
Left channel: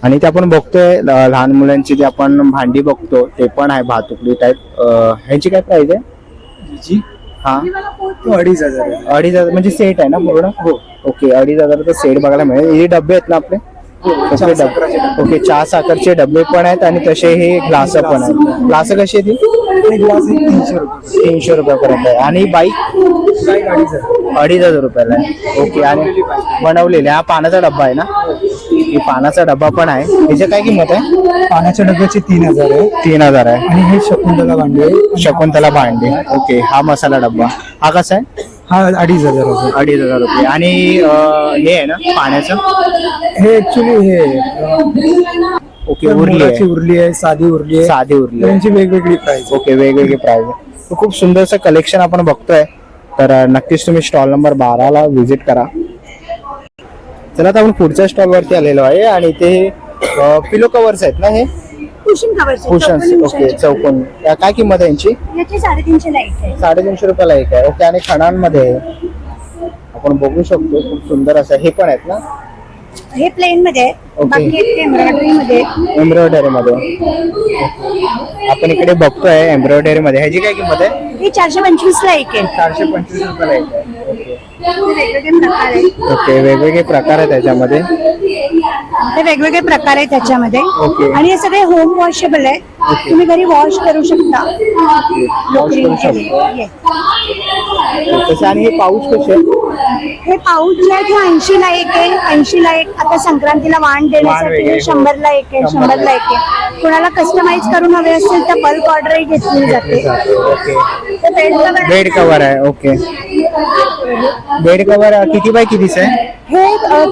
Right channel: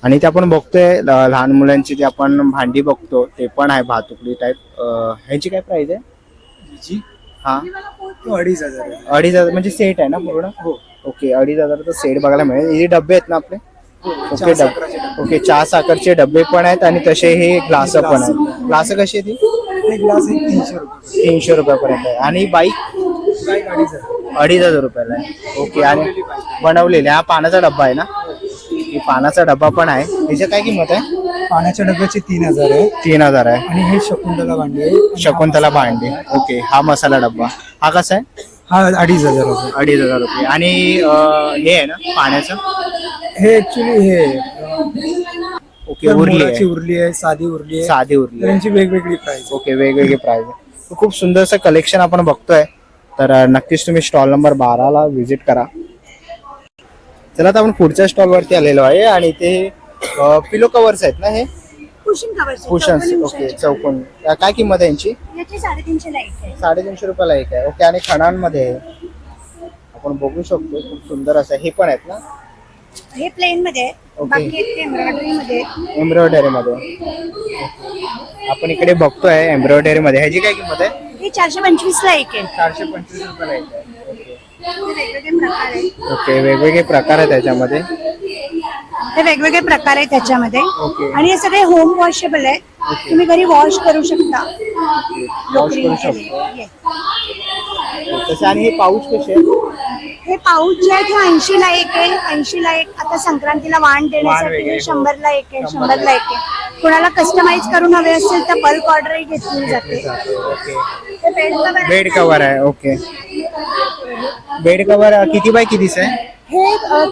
आणि ते आपण बघतोय लहान मुलांची जे आपण भांडी बघतो ते पण आहे भातुकली टाईप. ह्याची काय प्राइस आहे? हा 2500. 2500 म्हणजे सेट आहे ना पूर्ण? हो. ओके 2500चा सेट बघायला मिळेल. हे डबे आहेत ना आपले? ओके चहा साखरचे डबे पण आहेत आणि तसे हे ग्लास पण आहेत. ग्लास कशी आहे ती? 300 रुपयापर्यंत आहे. आणि बाईक 2500 रुपयाला आहे. ओके आणि बनवलेले हा पाण्याचा डब्बा आहे ना? ओके, पानाचा डबा पण आहे. याची काय किंमत आहे? पाण्याच्या डब्याचे 3000 आहे 3000 आहे. आणि हे शकुंतला भांडे आहे. शकुंतला भांडे. ओके, हा मसाला डब्बा हा कसा आहे? हा 2500 रुपये. 2500 रुपये. आणि हे आहे ना पाण्याचं? हे ऍक्च्युली हे ओके, उरली मुलाची आहे, उरली आहे, साधी उरली आहे, साधी उरली आहे. त्यांची वेगवेगळी प्राइस. ओके, वेगवेगळी प्राइस आहे. तर खूप सुंदरसं कलेक्शन आपण बघतोय. तर नक्कीच तुम्ही स्टॉल नंबर 12ला व्हिजिट करा. चला आता आपण पुढच्या स्टॉल वरती आलेलो आहे आणि ते पिलो कव्हर्स आहेत ना, हे कुशन कव्हर कुशन्स. ओके, चौकोन. काय किंमत आहे यांची? याचे 350 ला एक आहे. 350 रुपयाला एक आहे. ओके, आणि खणांमध्ये आहे. आपण बघू शकतो खूप सुंदर असं. हे पण आहेत ना? हे प्लेन मध्ये आहे. ओके. बाकी एक एम्ब्रॉयडरी मध्ये आहे. एम्ब्रॉयडरी मध्ये. आपण इकडे बघतोय एम्ब्रॉयडरी मध्ये. ह्याची काय किंमत आहे? हे 425 ला एक आहे. 425 रुपयाला एक आहे. ओके. हे वेगवेगळे प्रकार आहेत. ओके, वेगवेगळे प्रकार आहेत त्याच्यामध्ये. हे वेगवेगळे प्रकार आहेत त्याच्यामध्ये. ओके. आणि हे सगळे होम वॉशेबल आहे. ओके. तुम्ही घरी वॉश करू शकता. पाऊच करू शकतो. तसे. आणि हे पाऊच कसे आहेत? हे पाऊच जे आहे ते 80 ला एक आहे. 80 ला एक. आता संक्रांतीला वाण वगैरे. देण्यासाठी 100 ला एक आहे. 100 ला एक आहे. कुणाला कस्टमाइज करून हवे असेल तर बल्क ऑर्डरही घेतली जाते. ओके, ते बेड कव्हर आहे. बेड कव्हर आहे. ओके, बेड कव्हर किती बाय कितीचं आहे? हे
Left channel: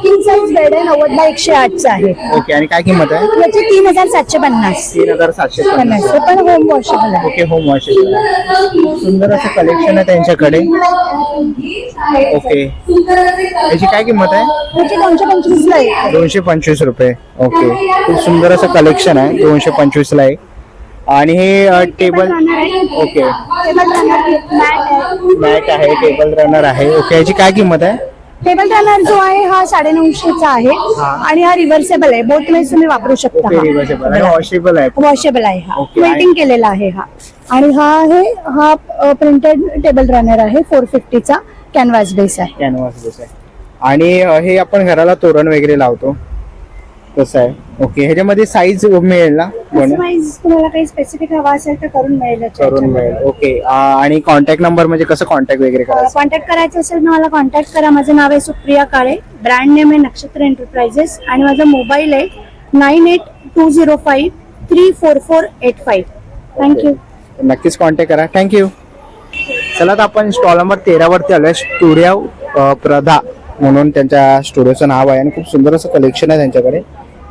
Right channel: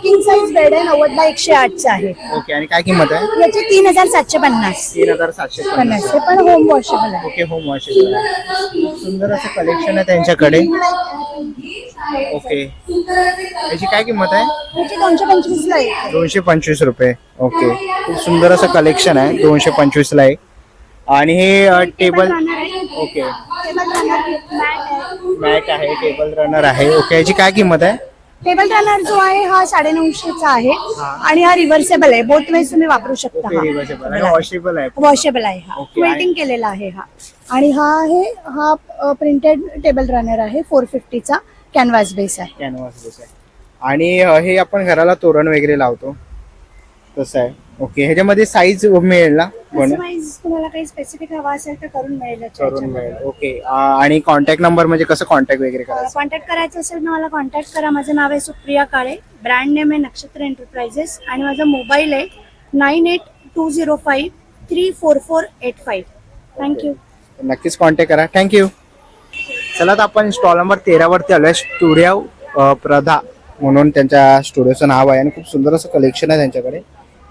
किंग साइज बेड आहे. 90 बाय 108 चं आहे. ओके, आणि काय किंमत आहे? याचे 3750. 3750. हे पण होम वॉशेबल आहे. Okay, home wash. सुंदर असं कलेक्शन आहे त्यांच्याकडे. ओके, याची काय किंमत आहे? याचे 225 ला आहे. 225 रुपये. ओके, खूप सुंदर असं कलेक्शन आहे. 225 ला आहे. आणि हे table. Okay, table runner mat आहे. मॅट आहे, टेबल रनर आहे. ओके, याची काय किंमत आहे? टेबल रनर जो आहे हा 950 चा आहे. आणि हा रिव्हर्सेबल आहे. बोथ वेज तुम्ही वापरू शकता. ओके, रिव्हर्सेबल आहे, वॉशेबल आहे. वॉशेबल आहे. हा ओके. प्रिंटिंग केलेला आहे हा. आणि हा प्रिंटेड टेबल रनर आहे. 450 चा कॅनव्हास बेस आहे. कॅनव्हास बेस आहे. आणि हे आपण घराला तोरण वगैरे लावतो तसं आहे. ओके, ह्याच्यामध्ये साईज मिळेल ना? कस्टमाइज तुम्हाला काही स्पेसिफिक हवा असेल तर करून मिळेल. करून मिळेल. ओके, आणि कॉन्टॅक्ट नंबर म्हणजे कसं कॉन्टॅक्ट वगैरे करायचं? कॉन्टॅक्ट करायचं असेल तर मला कॉन्टॅक्ट करा. माझं नाव आहे सुप्रिया काळे. ब्रँड नेम आहे नक्षत्र एंटरप्राइजेस. आणि माझा मोबाईल आहे 9820534485. थँक्यू. नक्कीच कॉन्टॅक्ट करा. थँक्यू. चला आता आपण स्टॉल नंबर 13 वरती आलोय. स्टुडिओ प्रधा म्हणून त्यांच्या स्टुडिओचं नाव आहे आणि खूप सुंदर असं कलेक्शन आहे त्यांच्याकडे.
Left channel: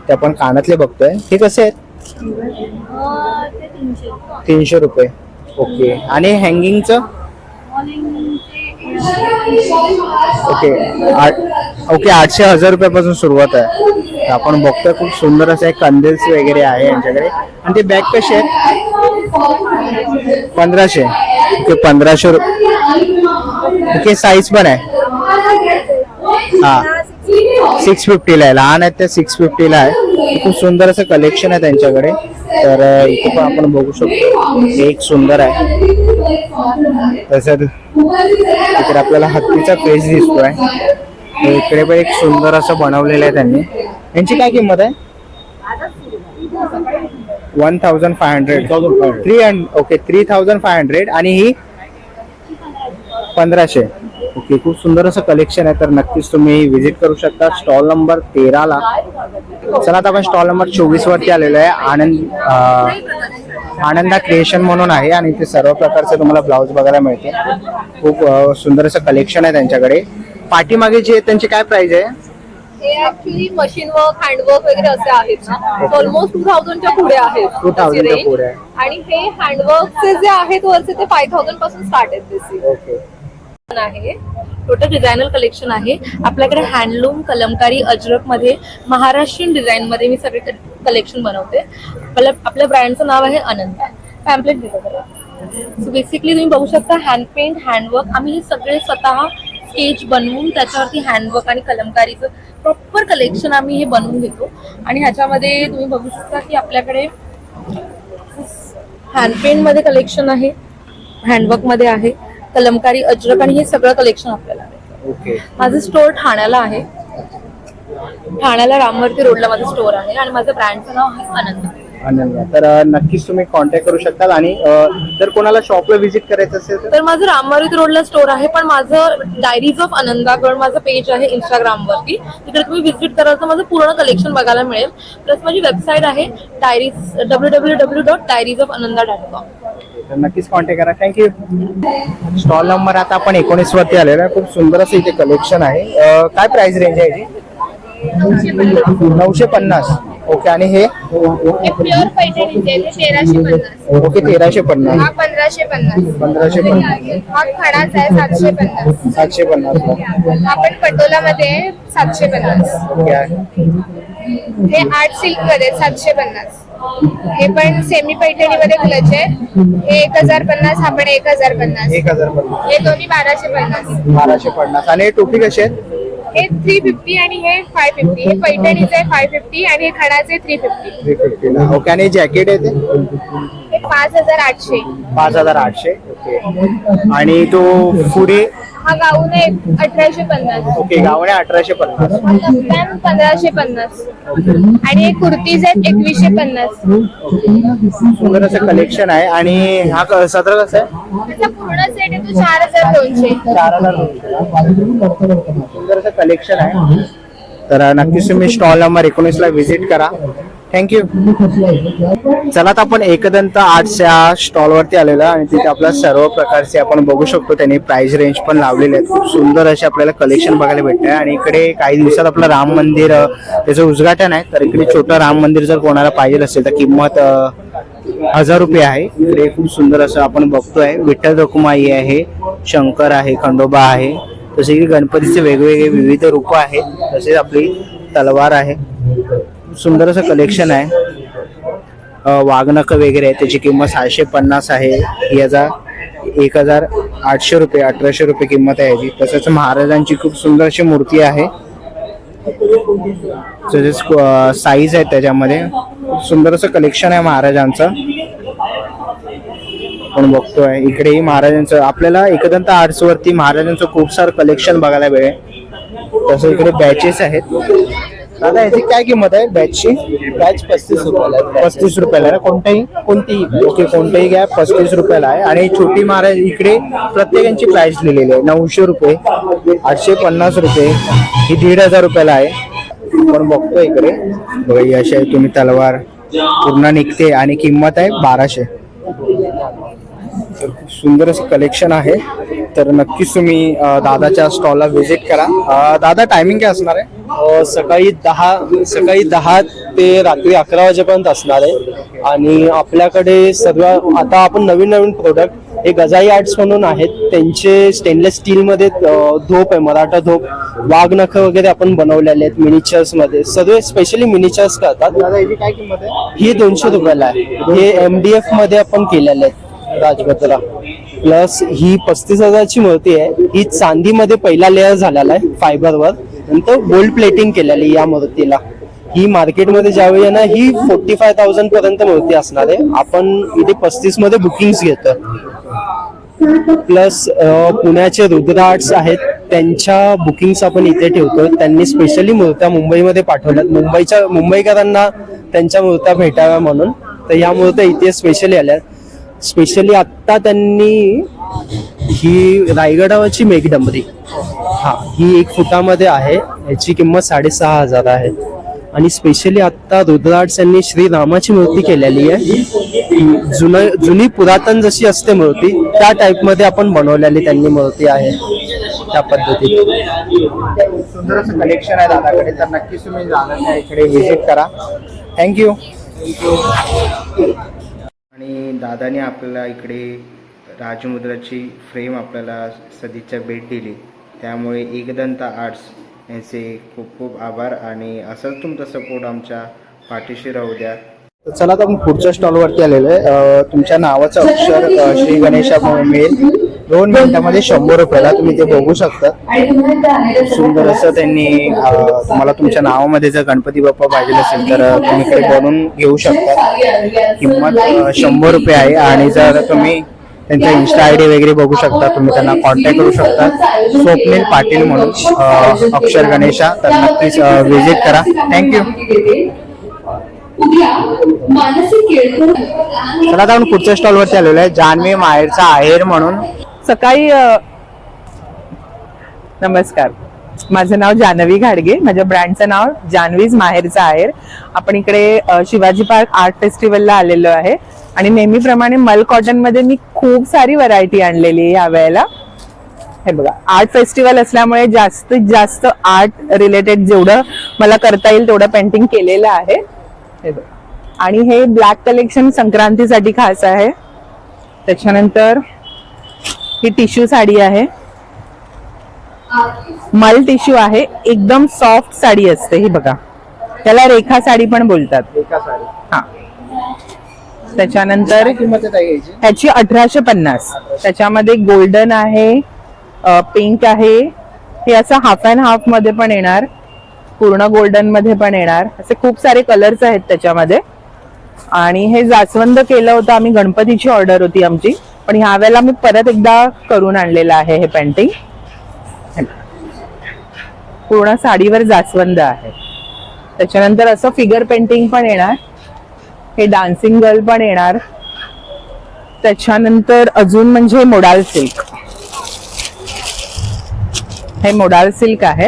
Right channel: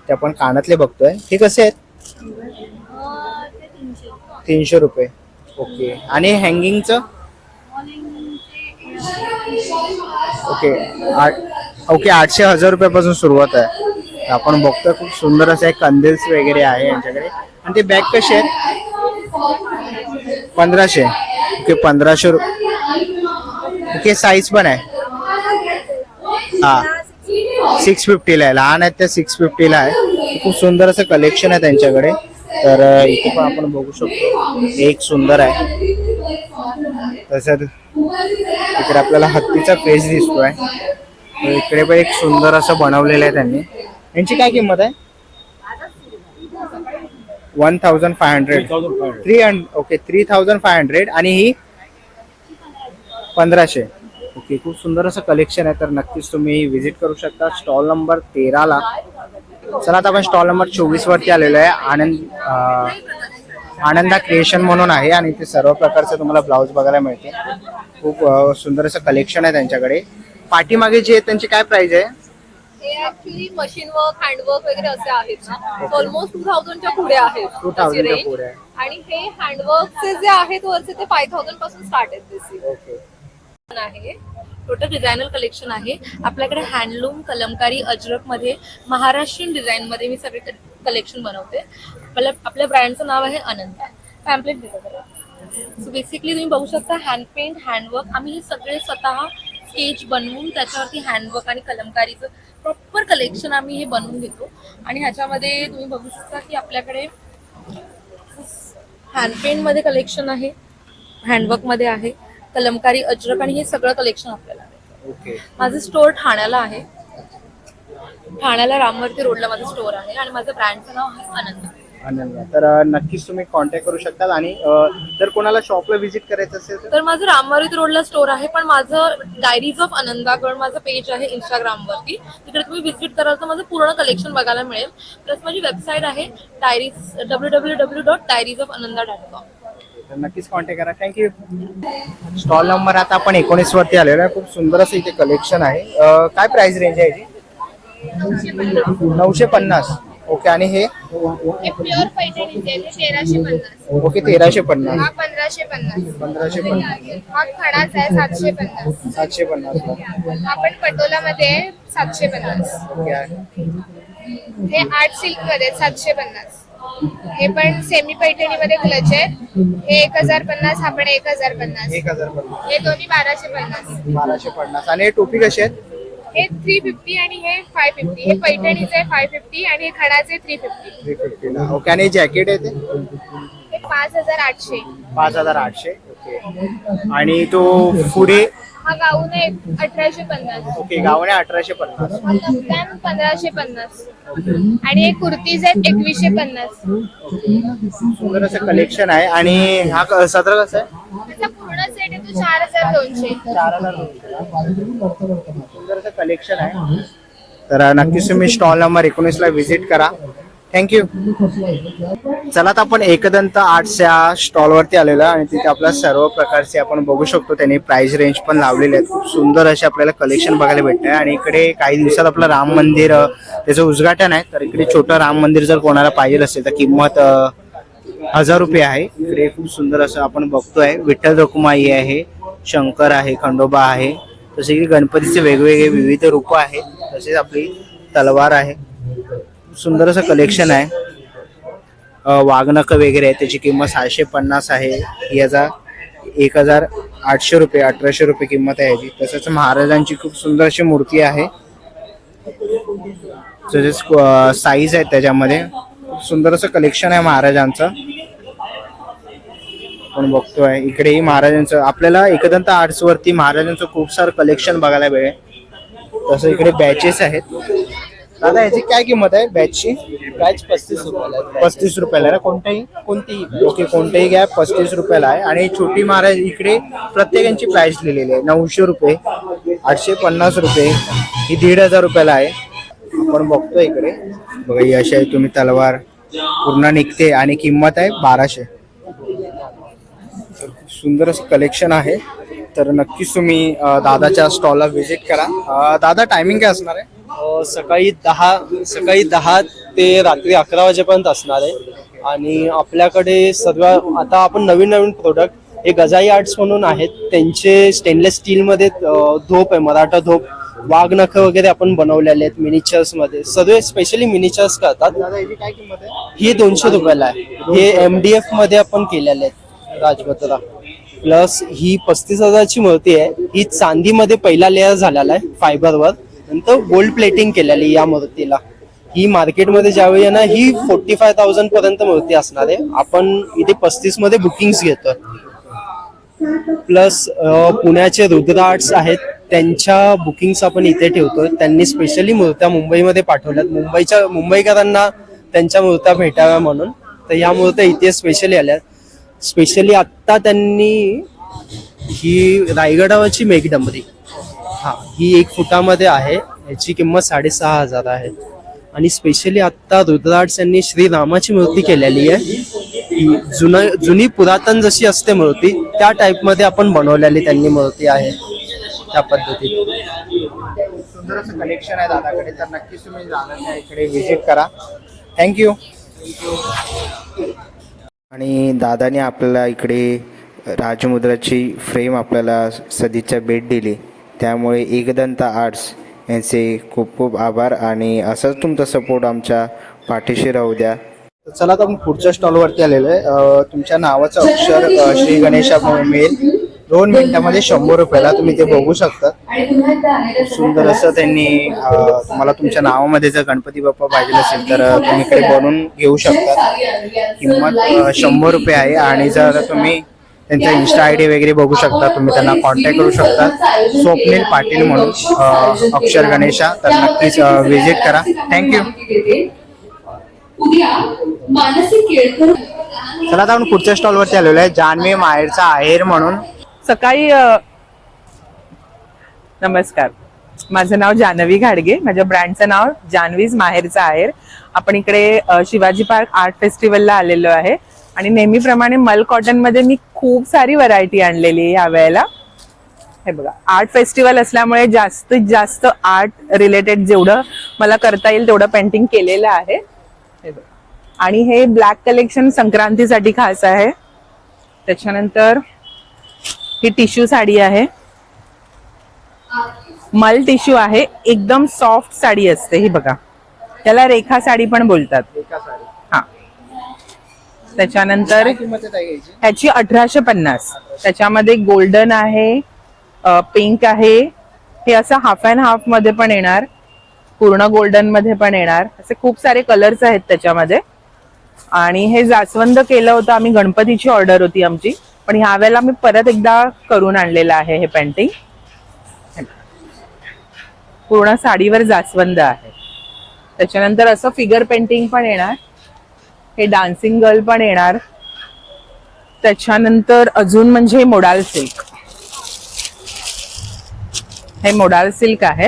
ते आपण कानातले बघतोय. हे कसे आहेत? 300 रुपये. ओके, आणि हँगिंगचं? ओके, ओके, 800-1000 रुपयापासून सुरुवात आहे. तर आपण बघतोय खूप सुंदर असं कंदेल्स वगैरे आहे यांच्याकडे. आणि ते बॅग कसे आहेत? 1500. ओके, 1500. ओके, साईज पण आहे. हा, 650 ला आहे. लहान आहेत ते 650 ला आहे. खूप सुंदर असं कलेक्शन आहे त्यांच्याकडे. तर इथे पण आपण बघू शकतो एक सुंदर आहे. तसंच इकडे आपल्याला हत्तीचा फेस दिसतोय. तर इकडे पण एक सुंदर असं बनवलेलं आहे त्यांनी. यांची काय किंमत आहे? 1500. ओके, 3500. आणि ही 1500. ओके, खूप सुंदर असं कलेक्शन आहे. तर नक्कीच तुम्ही विजिट करू शकता स्टॉल नंबर 13 ला. चला आता आपण स्टॉल नंबर 24 वरती आलेलो आहे. आनंदा क्रिएशन म्हणून आहे आणि ते सर्व प्रकारचे तुम्हाला ब्लाऊज बघायला मिळते. खूप सुंदर असं कलेक्शन आहे त्यांच्याकडे. पाठीमागे जे त्यांची काय प्राइस आहे? हे ऍक्च्युली मशीन वर्क हँडवर्क वगैरे असे आहेत ना, ऑलमोस्ट 2000च्या पुढे आहेत. 2000 च्या पुढे आहे. आणि हे हँडवर्कचे जे आहेत वरचे ते 5000 पासून स्टार्ट आहेत. बेसिक ओके, आहे टोटल डिझायनर कलेक्शन आहे आपल्याकडे. हँडलूम, कलमकारी, अजरक मध्ये महाराष्ट्रीयन डिझाईन मध्ये मी सगळे कलेक्शन बनवते. आपल्या ब्रँडचं नाव आहे अनंत. पॅम्पलेट दिसत. सो बेसिकली तुम्ही बघू शकता हँड पेंट, हँडवर्क. आम्ही हे सगळे स्वतः स्केच बनवून त्याच्यावरती हँडवर्क आणि कलमकारीचं प्रॉपर कलेक्शन आम्ही हे बनवून घेतो. आणि ह्याच्यामध्ये तुम्ही बघू शकता की आपल्याकडे हँड पेंट मध्ये कलेक्शन आहे, हँडवर्क मध्ये आहे, कलमकारी, अजरक आणि हे सगळं कलेक्शन आपल्याला आहे. ओके, माझं स्टोअर ठाण्याला आहे. ठाण्याला रामवर्ती रोडला माझं स्टोअर आहे आणि माझं ब्रँडचं नाव आहे अनंत. अनन्या. तर नक्कीच तुम्ही कॉन्टॅक्ट करू शकता. आणि जर कोणाला शॉपला व्हिजिट करायचं असेल तर तर माझं रामवारीत रोडला स्टोर आहे, पण माझं डायरीज ऑफ आनंदागड माझं पेज आहे इंस्टाग्रामवरती. तिकडे तुम्ही व्हिजिट कराल तर माझं पूर्ण कलेक्शन बघायला मिळेल. प्लस माझी वेबसाईट आहे www.diariesofananda.com. तर नक्कीच कॉन्टॅक्ट करा. थँक्यू. स्टॉल नंबर आता आपण 19 वरती आलेलो आहे. खूप सुंदर असं इथे कलेक्शन आहे. काय प्राइस रेंज आहे याची? 950. ओके. आणि हे प्युअर पैठणीचे 1350. ओके 1350. हा 1550. 1550. हा खडाचा आहे 750. 750. हा पण पटोलामध्ये आहे 750. ओके. हे आर्ट सिल्क मध्ये 750. हे पण सेमी पैठणीमध्ये क्लच आहे. हे 1050. हा पण 1050. 1050. हे दोन्ही 1250. 1250. आणि हे टोपी कशी आहे? हे 350 आणि हे 550. हे पैठणीचं आहे 550 आणि हे खडाचे 350. 350 ला. ओके. आणि जॅकेट आहे ते हे 5800. 5800. ओके. आणि तो पुढे हा गाऊन आहे 1850. ओके गावणे 1850. हा कफ्तान 1550 आणि हे कुर्तीज आहेत 2150. सुंदर असं कलेक्शन आहे. आणि हा सदरा कसा आहे? त्याचा पूर्ण सेट आहे तो 4200. 4200. सुंदर असं कलेक्शन आहे. तर नक्कीच तुम्ही स्टॉल नंबर 19 ला व्हिजिट करा. थँक्यू. चला तर आपण एकदंत आर्ट्सच्या स्टॉलवरती आलेलो आहे आणि तिथे आपल्या सर्व प्रकारचे आपण बघू शकतो. त्यांनी प्राइस रेंज पण लावलेले आहेत. खूप सुंदर असे आपल्याला कलेक्शन बघायला भेटतंय. आणि इकडे काही दिवसात आपलं राम मंदिर त्याचं उद्घाटन आहे. तर इकडे छोटं राम मंदिर जर कोणाला पाहिजे असेल तर किंमत 1000 रुपये आहे. इकडे खूप सुंदर असं आपण बघतोय. विठ्ठल रखुमाई आहे, शंकर आहे, खंडोबा आहे. तसे इकडे गणपतीचे वेगवेगळे विविध रूप आहेत. तसेच आपली तलवार आहे. सुंदर असं कलेक्शन आहे. वाघनख वगैरे आहे. त्याची किंमत 650 आहे. याचा 1800 रुपये 1800 रुपये किंमत आहे याची. तसंच महाराजांची खूप सुंदर अशी मूर्ती आहे. तसेच साईज आहे त्याच्यामध्ये. सुंदर असं कलेक्शन आहे महाराजांचं. आपण बघतोय इकडेही महाराजांचं. आपल्याला एकदंत आर्ट्स वरती महाराजांचं खूप सारं कलेक्शन बघायला मिळेल. तसं इकडे बॅचेस आहेत. दादा याची काय किंमत आहे बॅचची? बॅच 35 रुपयाला. 35 रुपयाला ना? कोणतीही? ओके. कोणतेही घ्या 35 रुपयाला आहे. आणि छोटी महाराज इकडे प्रत्येकांची प्राइस लिहिलेली आहे. 900 रुपये, 850 रुपये, ही 1500 रुपयाला आहे. आपण बघतो इकडे बघा ही अशी तुम्ही तलवार पूर्ण निघते आणि किंमत आहे 1200. सुंदर असं कलेक्शन आहे. तर नक्कीच तुम्ही दादाच्या स्टॉलला व्हिजिट करा. दादा टायमिंग काय असणार आहे? सकाळी 10 ते रात्री 11 वाजेपर्यंत असणार आहे. आणि आपल्याकडे सर्व आता आपण नवीन प्रोडक्ट हे गजाई आर्ट्स म्हणून आहेत. त्यांचे स्टेनलेस स्टील मध्ये धोप आहे, मराठा धोप, वाघनख वगैरे आपण बनवलेले आहेत मिनिचर्स मध्ये. सर्व स्पेशली मिनिचर्स करतात. दादा याची काय किंमत आहे? ही 200 रुपयाला आहे. हे MDF मध्ये आपण केलेले आहेत राजपत्रा. प्लस ही 35,000ची मूर्ती आहे. ही चांदीमध्ये पहिला लेअर झालेला आहे फायबरवर. नंतर गोल्ड प्लेटिंग केलेली या मूर्तीला. ही मार्केटमध्ये ज्यावेळी आहे ना ही 45,000 पर्यंत मूर्ती असणार आहे. आपण इथे 35 मध्ये बुकिंग्स घेतो. प्लस पुण्याचे रुद्र आर्ट्स आहेत, त्यांच्या बुकिंग्स आपण इथे ठेवतो. त्यांनी स्पेशली मूर्त्या मुंबईमध्ये पाठवल्यात मुंबईकरांना त्यांच्या मूर्त्या भेटाव्या म्हणून. तर या मूर्त्या इथे स्पेशली आल्या. स्पेशली आत्ता त्यांनी ही रायगडावरची मेघडंबरी, ही 1 फुटामध्ये आहे. याची किंमत 6,500 आहे. आणि स्पेशली आता रुद्र आर्ट्स यांनी श्रीरामाची मूर्ती केलेली आहे. जुनी पुरातन जशी असते मूर्ती त्या टाइप मध्ये आपण बनवलेली त्यांनी मूर्ती आहे त्या पद्धतीत. सुंदर असं कलेक्शन आहे दादाकडे. तर नक्कीच तुम्ही दादाच्या इकडे व्हिजिट करा. थँक्यू. आणि दादाने आपल्याला इकडे राजमुद्राची फ्रेम आपल्याला सदिच्छा भेट दिली. त्यामुळे एकदंत आर्ट्स यांचे खूप खूप आभार. आणि असंच तुमचा सपोर्ट आमच्या पाठीशी राहू द्या. चला तर आपण पुढच्या स्टॉलवरती आलेलो आहे. तुमच्या नावाचं अक्षर श्री गणेशा मिळेल 2 मिनिटांमध्ये 100 रुपयाला. तुम्ही ते बघू शकता. सुंदर असं त्यांनी तुम्हाला तुमच्या नावामध्ये जर गणपती बाप्पा पाहिजे असेल तर तुम्ही इकडे बनवून घेऊ शकता. किंमत 100 रुपये आहे. आणि जर तुम्ही त्यांचा इन्स्टा ID वगैरे बघू शकता, तुम्ही त्यांना कॉन्टॅक्ट करू शकता. स्वप्नील पाटील म्हणून अक्षर गणेशा. तर नक्कीच व्हिजिट करा. थँक्यू. चला आता आपण पुढच्या स्टॉल वरती आलेलो आहे, जान्हवी माहेरचा आहेर म्हणून. सकाळी नमस्कार, माझं नाव जान्हवी घाडगे, माझ्या ब्रँडचं नाव जान्हवीज माहेरचा आहेर. आपण इकडे शिवाजी पार्क आर्ट फेस्टिवलला आलेलो आहे आणि नेहमीप्रमाणे मल कॉटन मध्ये मी खूप सारी व्हरायटी आणलेली आहे या वेळेला. हे बघा, आर्ट फेस्टिवल असल्यामुळे जास्तीत जास्त आर्ट रिलेटेड जेवढं मला करता येईल तेवढं पेंटिंग केलेलं आहे. हे बघा, आणि हे ब्लॅक कलेक्शन संक्रांतीसाठी खास आहे. त्याच्यानंतर ही टिश्यू साडी आहे, मल टिश्यू आहे, एकदम सॉफ्ट साडी असते ही बघा, त्याला रेखा साडी पण बोलतात. हा, त्याच्यानंतर त्याची 1850. त्याच्यामध्ये गोल्डन आहे, पिंक आहे, हे असं हाफ अँड हाफ मध्ये पण येणार, पूर्ण गोल्डन मध्ये पण येणार, असे खूप सारे कलर्स आहेत त्याच्यामध्ये. आणि हे जास्वंद केलं होतं आम्ही, गणपतीची ऑर्डर होती आमची, पण ह्या वेळेला मी परत एकदा करून आणलेलं आहे हे पेंटिंग. पूर्ण साडीवर जास्वंद आहे. त्याच्यानंतर असं फिगर पेंटिंग पण येणार, हे डान्सिंग गर्ल पण येणार. त्याच्यानंतर अजून म्हणजे मोडाल सिल्क, हे मोडाल सिल्क आहे,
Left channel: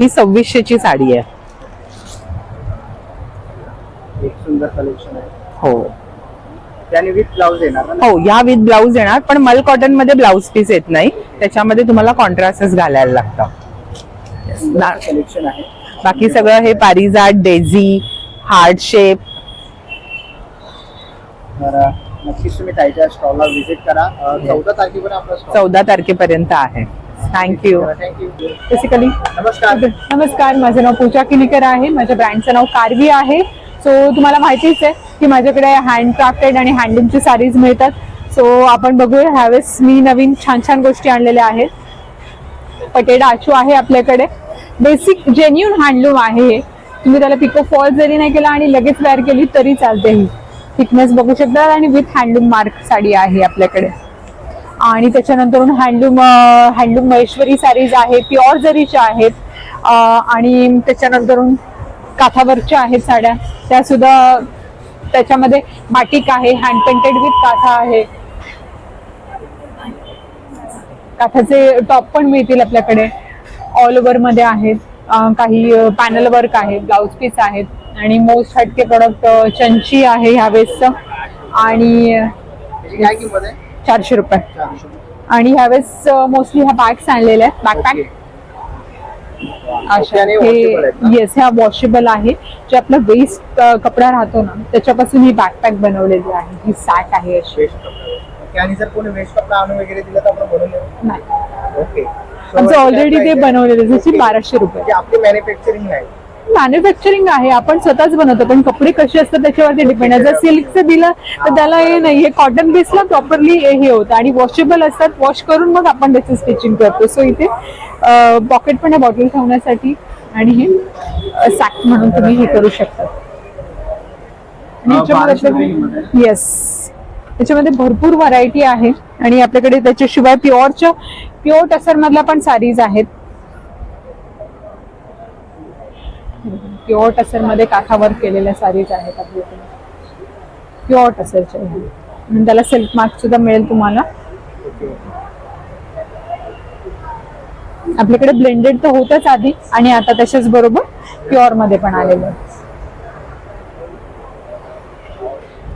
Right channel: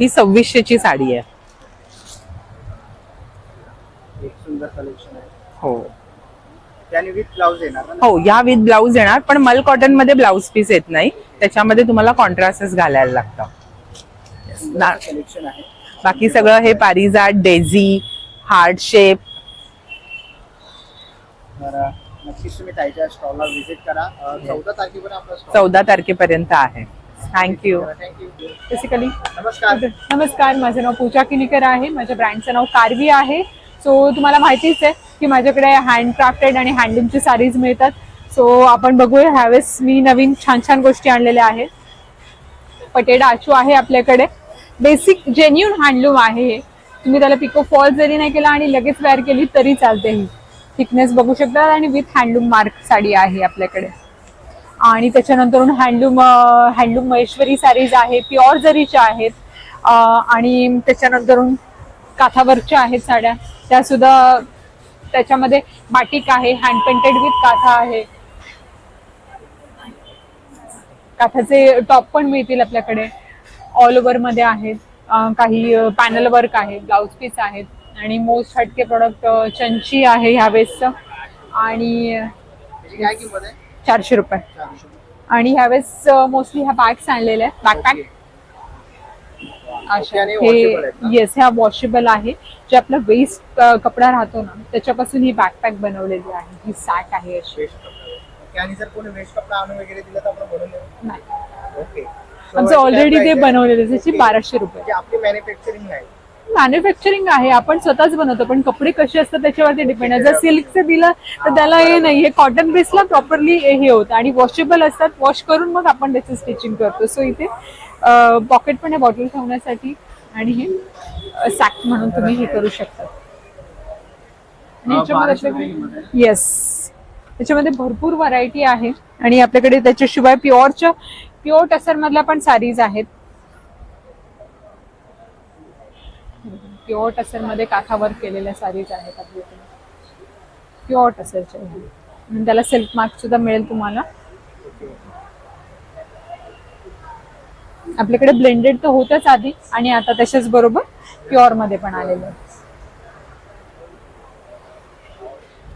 ही 2600ची साडी आहे. एक सुंदर कलेक्शन आहे. हो त्याने विथ ब्लाउज येणार ना? हो, या विथ ब्लाउज येणार, पण मल कॉटन मध्ये ब्लाउज पीस येत नाही, त्याच्यामध्ये तुम्हाला कॉन्ट्रास्टच घालायला लागतं. कलेक्शन आहे. बाकी सगळं हे पारिजात, डेझी, हार्ट शेप. तर नक्कीच तुम्ही ताईच्या स्टॉलला व्हिजिट करा. 14 तारखेपर्यंत आपला स्टॉल 14 तारखेपर्यंत आहे. थँक्यू. थँक्यू. बेसिकली नमस्कार. नमस्कार, माझं नाव पूजा किनीकर आहे, माझ्या ब्रँडचं नाव कारवी आहे. सो तुम्हाला माहितीच आहे की माझ्याकडे हँडक्राफ्टेड आणि हँडलूमची साडीज मिळतात. सो आपण बघूया, ह्यावेळेस मी नवीन छान छान गोष्टी आणलेल्या आहेत. पटेडा आचू आहे आपल्याकडे, बेसिक जेन्युन हँडलूम आहे हे. तुम्ही त्याला पिको फॉल जरी नाही केला आणि लगेच वेअर केली तरी चालते. ही थिकनेस बघू शकता आणि विथ हँडलूम मार्क साडी आहे आपल्याकडे. आणि त्याच्यानंतर हँडलूम महेश्वरी साडीज आहे, प्युअर जरीच्या आहेत. आणि त्याच्यानंतर काथावरच्या आहेत साड्या, त्या सुद्धा त्याच्यामध्ये बाटिक आहे, हँड पेंटेड विथ काथा आहे. काथाचे टॉप पण मिळतील आपल्याकडे, ऑल ओव्हर मध्ये आहेत. काही पॅनल वर्क आहे, ब्लाउज पीस आहेत. आणि मोस्ट हटके प्रोडक्ट चंची आहे ह्यावेळेसचं, आणि 400 रुपये. आणि ह्यावेळेस मोस्टली ह्या बॅग्स आणलेल्या आहेत, बॅकपॅक अशा. हे येस, ह्या वॉशेबल आहे, जे आपलं वेस्ट कपडा राहतो ना त्याच्यापासून ही बॅकपॅक बनवलेली आहे. ही सॅक आहे अशी. आणि जर कोणी वेस्ट कपडा आणून वगैरे दिलं तर आपण बनवून देऊ? नाही, ओके. आमचं ऑलरेडी ते बनवलेलं, जशी 1200 रुपये. आपली मॅन्युफॅक्चरिंग नाही, मॅन्युफॅक्चरिंग आहे, आपण स्वतःच बनवतो, पण कपडे कसे असतात त्याच्यावरती डिपेंड आहे. जर सिल्कचं दिलं तर त्याला हे नाही, हे कॉटन बेसला प्रॉपरली हे होतं. आणि वॉशेबल असतात, वॉश करून मग आपण त्याचं स्टिचिंग करतो. सो इथे पॉकेट पण आहे बॉटल ठेवण्यासाठी, आणि हे सॅक म्हणून तुम्ही हे करू शकता. येस, त्याच्यामध्ये भरपूर व्हरायटी आहे. आणि आपल्याकडे त्याच्याशिवाय प्युअर टसर मधल्या पण साडीज आहेत. प्युअर टसर मध्ये काठावर केलेल्या साडीज आहेत आपल्याकडे, प्युअर टसरच्या. आणि त्याला सिल्क मार्क सुद्धा मिळेल तुम्हाला. आपल्याकडे ब्लेंडेड तर होतच आधी, आणि आता तशाच बरोबर प्युअर मध्ये पण आलेलं आहे.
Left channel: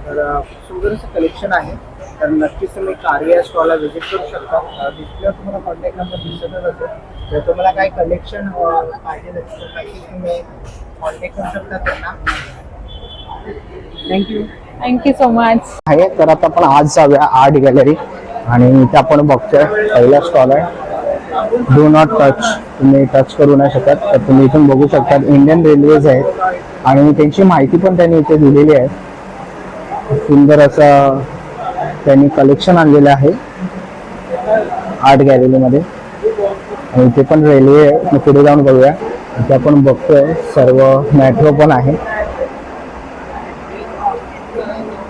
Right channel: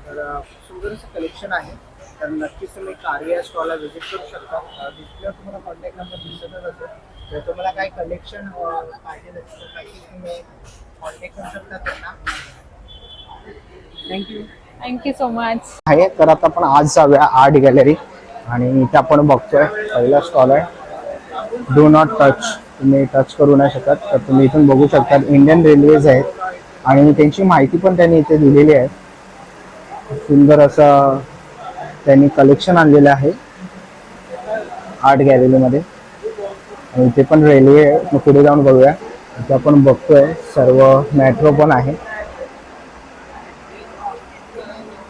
तर सुंदर असं कलेक्शन आहे. तर नक्कीच तुम्ही कारवी या स्टॉलला व्हिजिट करू शकता. डिस्प्लेवर तुम्हाला कॉन्टॅक्ट नंबर दिसतच असेल. जर तुम्हाला काही कलेक्शन पाहिजे असेल तर नक्कीच तुम्ही कॉन्टॅक्ट करू शकता त्यांना. थँक्यू. Thank you so much. आहे. तर आता आपण आज जाऊया आर्ट गॅलरी, आणि इथे आपण बघतोय पहिला स्टॉल आहे, डू नॉट टच. तुम्ही टच करू नाही शकत. तर तुम्ही इथून बघू शकता इंडियन रेल्वेज आहेत, आणि त्यांची माहिती पण त्यांनी इथे दिलेली आहे. सुंदर असं त्यांनी कलेक्शन आणलेलं आहे आर्ट गॅलरीमध्ये. आणि इथे पण रेल्वे आहे, पुढे जाऊन बघूया. इथे आपण बघतोय सर्व मेट्रो पण आहे.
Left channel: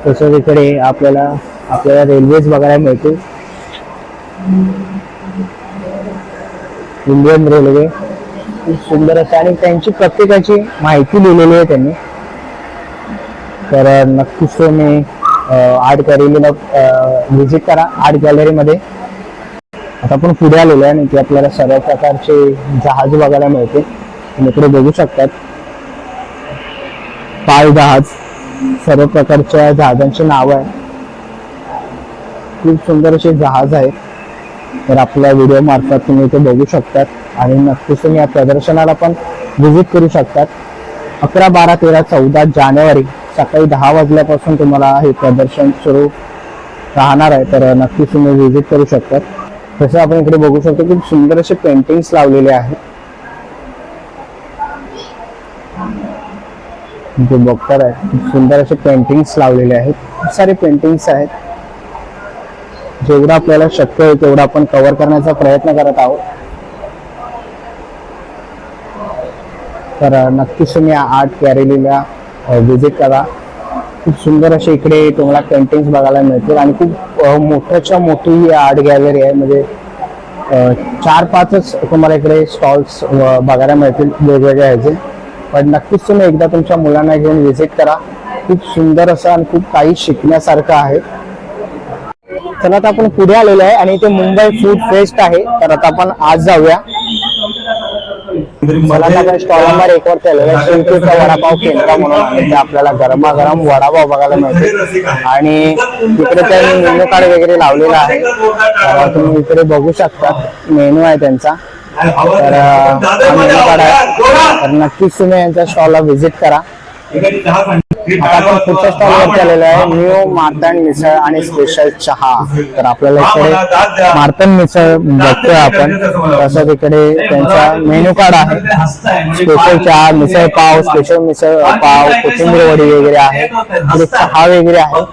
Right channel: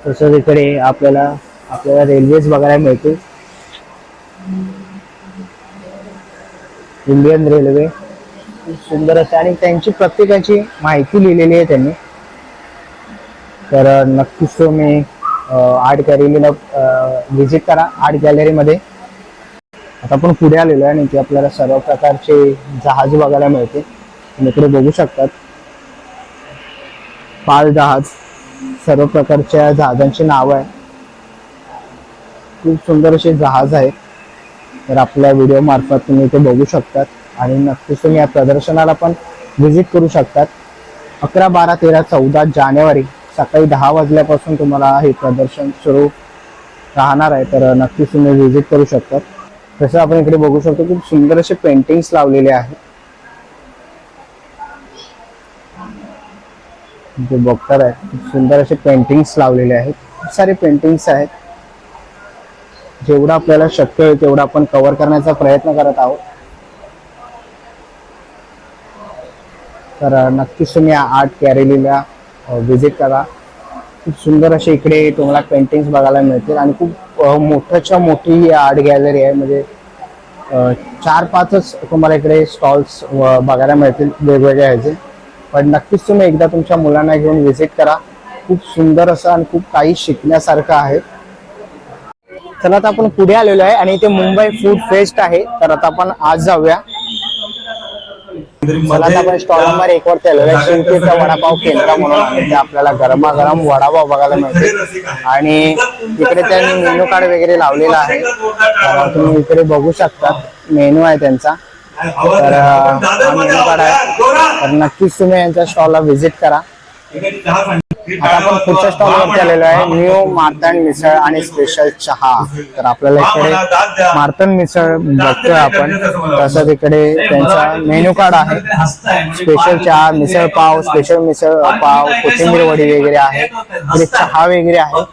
तसंच इकडे आपल्याला रेल्वेज बघायला मिळतील. इंडियन रेल्वे खूप सुंदर असते, आणि त्यांची प्रत्येकाची माहिती दिलेली आहे त्यांनी. तर नक्कीच तुम्ही आर्ट गॅलरीला व्हिजिट करा. आर्ट गॅलरीमध्ये आता आपण पुढे आलेलो आहे आणि इथे आपल्याला सर्व प्रकारचे जहाज बघायला मिळते. तुम्ही इकडे बघू शकतात पाळ जहाज, सर्व प्रकारच्या जहाजांची नावं आहे. खूप सुंदर असे जहाज आहेत. तर आपल्या व्हिडिओ मार्फत तुम्ही इथे बघू शकतात आणि नक्कीच तुम्ही या प्रदर्शनाला पण व्हिजिट करू शकतात. 11, 12, 13, 14 जानेवारी सकाळी 10 वाजल्यापासून तुम्हाला हे प्रदर्शन सुरू राहणार आहे. तर नक्कीच तुम्ही व्हिजिट करू शकतात. तसं आपण इकडे बघू शकतो खूप सुंदर असे पेंटिंग्स लावलेले आहेत. इथे बघताय खूप सुंदर असे पेंटिंग्स लावलेले आहेत. खूप सारे पेंटिंग्स आहेत. जेवढं आपल्याला शक्य आहे तेवढं आपण कव्हर करण्याचा प्रयत्न करत आहोत. तर नक्कीच तुम्ही आर्ट गॅलरीला व्हिजिट करा. खूप सुंदर अशी इकडे तुम्हाला पेंटिंग्स बघायला मिळतील आणि खूप मोठ्याच्या मोठी ही आर्ट गॅलरी आहे. म्हणजे 4-5च तुम्हाला इकडे स्टॉल्स बघायला मिळतील वेगवेगळ्या ह्याचे. पण नक्कीच तुम्ही एकदा तुमच्या मुलांना घेऊन व्हिजिट करा. खूप सुंदर असं आणि खूप काही शिकण्यासारखं आहे. तर आता आपण पुढे आलेलो आहे आणि इथे मुंबई फूड फेस्ट आहे. तर आता आपण आज जाऊया. मला आपण स्टॉल नंबर 1 वर केलेलं आहे. शिंकेचा वडापाव केंद्र म्हणून आहे. ते आपल्याला गरमागरम वडापाव बघायला मिळते आणि तिकडे त्यांनी मेनू कार्ड वगैरे लावलेला आहे. तर तुम्ही इकडे बघू शकता मेनू आहे त्यांचा. तर हा मेनू कार्ड आहे. तर नक्कीच तुम्ही यांच्या स्टॉलला व्हिजिट करा. आता आपण पुढच्या स्टॉलवर आलेलो आहे न्यू मार्तंड मिसळ आणि स्पेशल चहा. तर आपल्याला इकडे मार्तंड मिसळ बघतोय आपण. तसंच इकडे त्यांचा मेन्यू कार्ड आहे. स्पेशल चहा, मिसळ पाव, स्पेशल मिसळ पाव, कोथिंबीर वडी वगैरे आहे. इकडे चहा वगैरे आहे.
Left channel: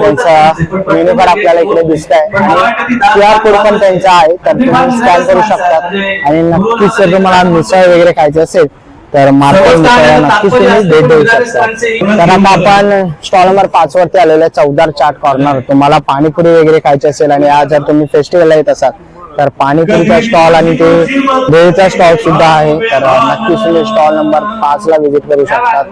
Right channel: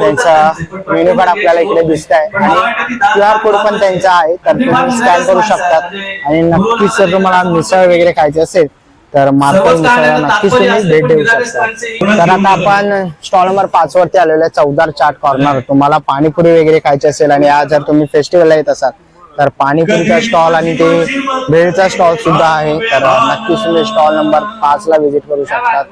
त्यांचा मेन्यू कार्ड आपल्याला इकडे दिसत आहे आणि QR कोड पण त्यांचा आहे. तर तुम्ही स्कॅन करू शकतात आणि नक्कीच जर तुम्हाला मिसळ वगैरे खायचं असेल तर मार्तंड मिसळला नक्कीच तुम्ही भेट देऊ शकता. तर आता आपण स्टॉल नंबर 5 वरती आलेलो आहे चौदार चाट कॉर्नर. तुम्हाला पाणीपुरी वगैरे खायची असेल आणि आज जर तुम्ही फेस्टिवलला येत असाल तर पाणीपुरीचा स्टॉल आणि ते भेळचा स्टॉल सुद्धा आहे. तर नक्कीच तुम्ही स्टॉल नंबर 5 ला व्हिजिट करू शकतात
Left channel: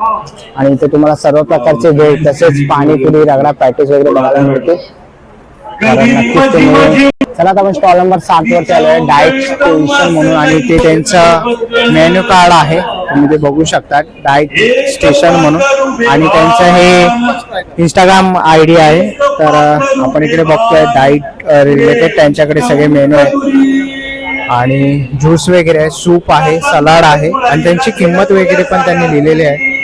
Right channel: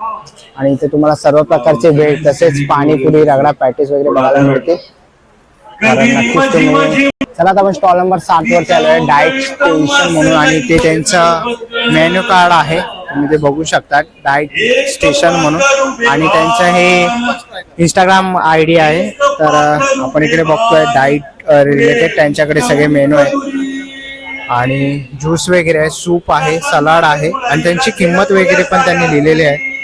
आणि इथे तुम्हाला सर्व प्रकारचे भेळ तसेच पाणीपुरी, रगडा पॅटीस वगैरे बघायला मिळते. तर नक्कीच तुम्ही चला आता आपण स्टॉल नंबर 7 वरती आलो आहे डाएट स्टेशन म्हणून आणि ते त्यांचं मेन्यू कार्ड आहे. तुम्ही ते बघू शकता डाएट स्टेशन म्हणून आणि त्यांचं हे इंस्टाग्राम ID आहे. तर आपण इकडे बघतोय डाएट रिलेटेड त्यांच्याकडे सगळे मेन्यू आहेत आणि ज्यूस वगैरे आहे, सूप आहे, सलाड आहे आणि त्यांची किंमत वगैरे पण त्यांनी लिहिलेली आहे.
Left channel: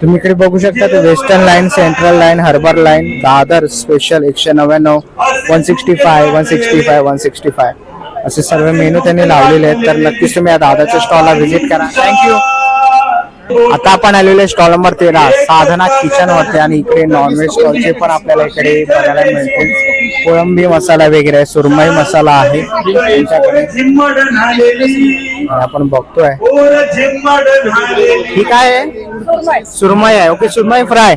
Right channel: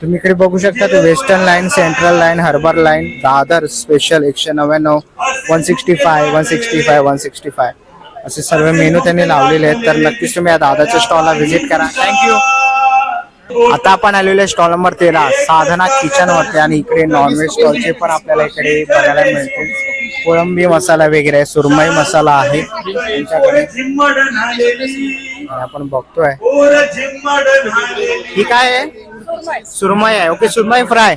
तुम्ही इकडे बघू शकता ते western line, central line, harbour line, Dadar special 199, 165, 165, 165 असे सर्व मेनू त्यांनी लावलेले आहेत. तर नक्कीच तुम्ही या दादाच्या स्टॉलला व्हिजिट करा. थँक्यू. आता आपण आलेलो स्टॉल नंबर 13 साधना किचन वरती आणि इकडे नॉनव्हेज स्टॉलचे पण आपल्याला इकडे बघायला मिळतील. कोळंबी मसाला वगैरे, सुरमई मसाला आहे त्यांच्याकडे. आपण बघतोय ही काय आहे, सुरमई आहे. ओके, सुरमई फ्राय.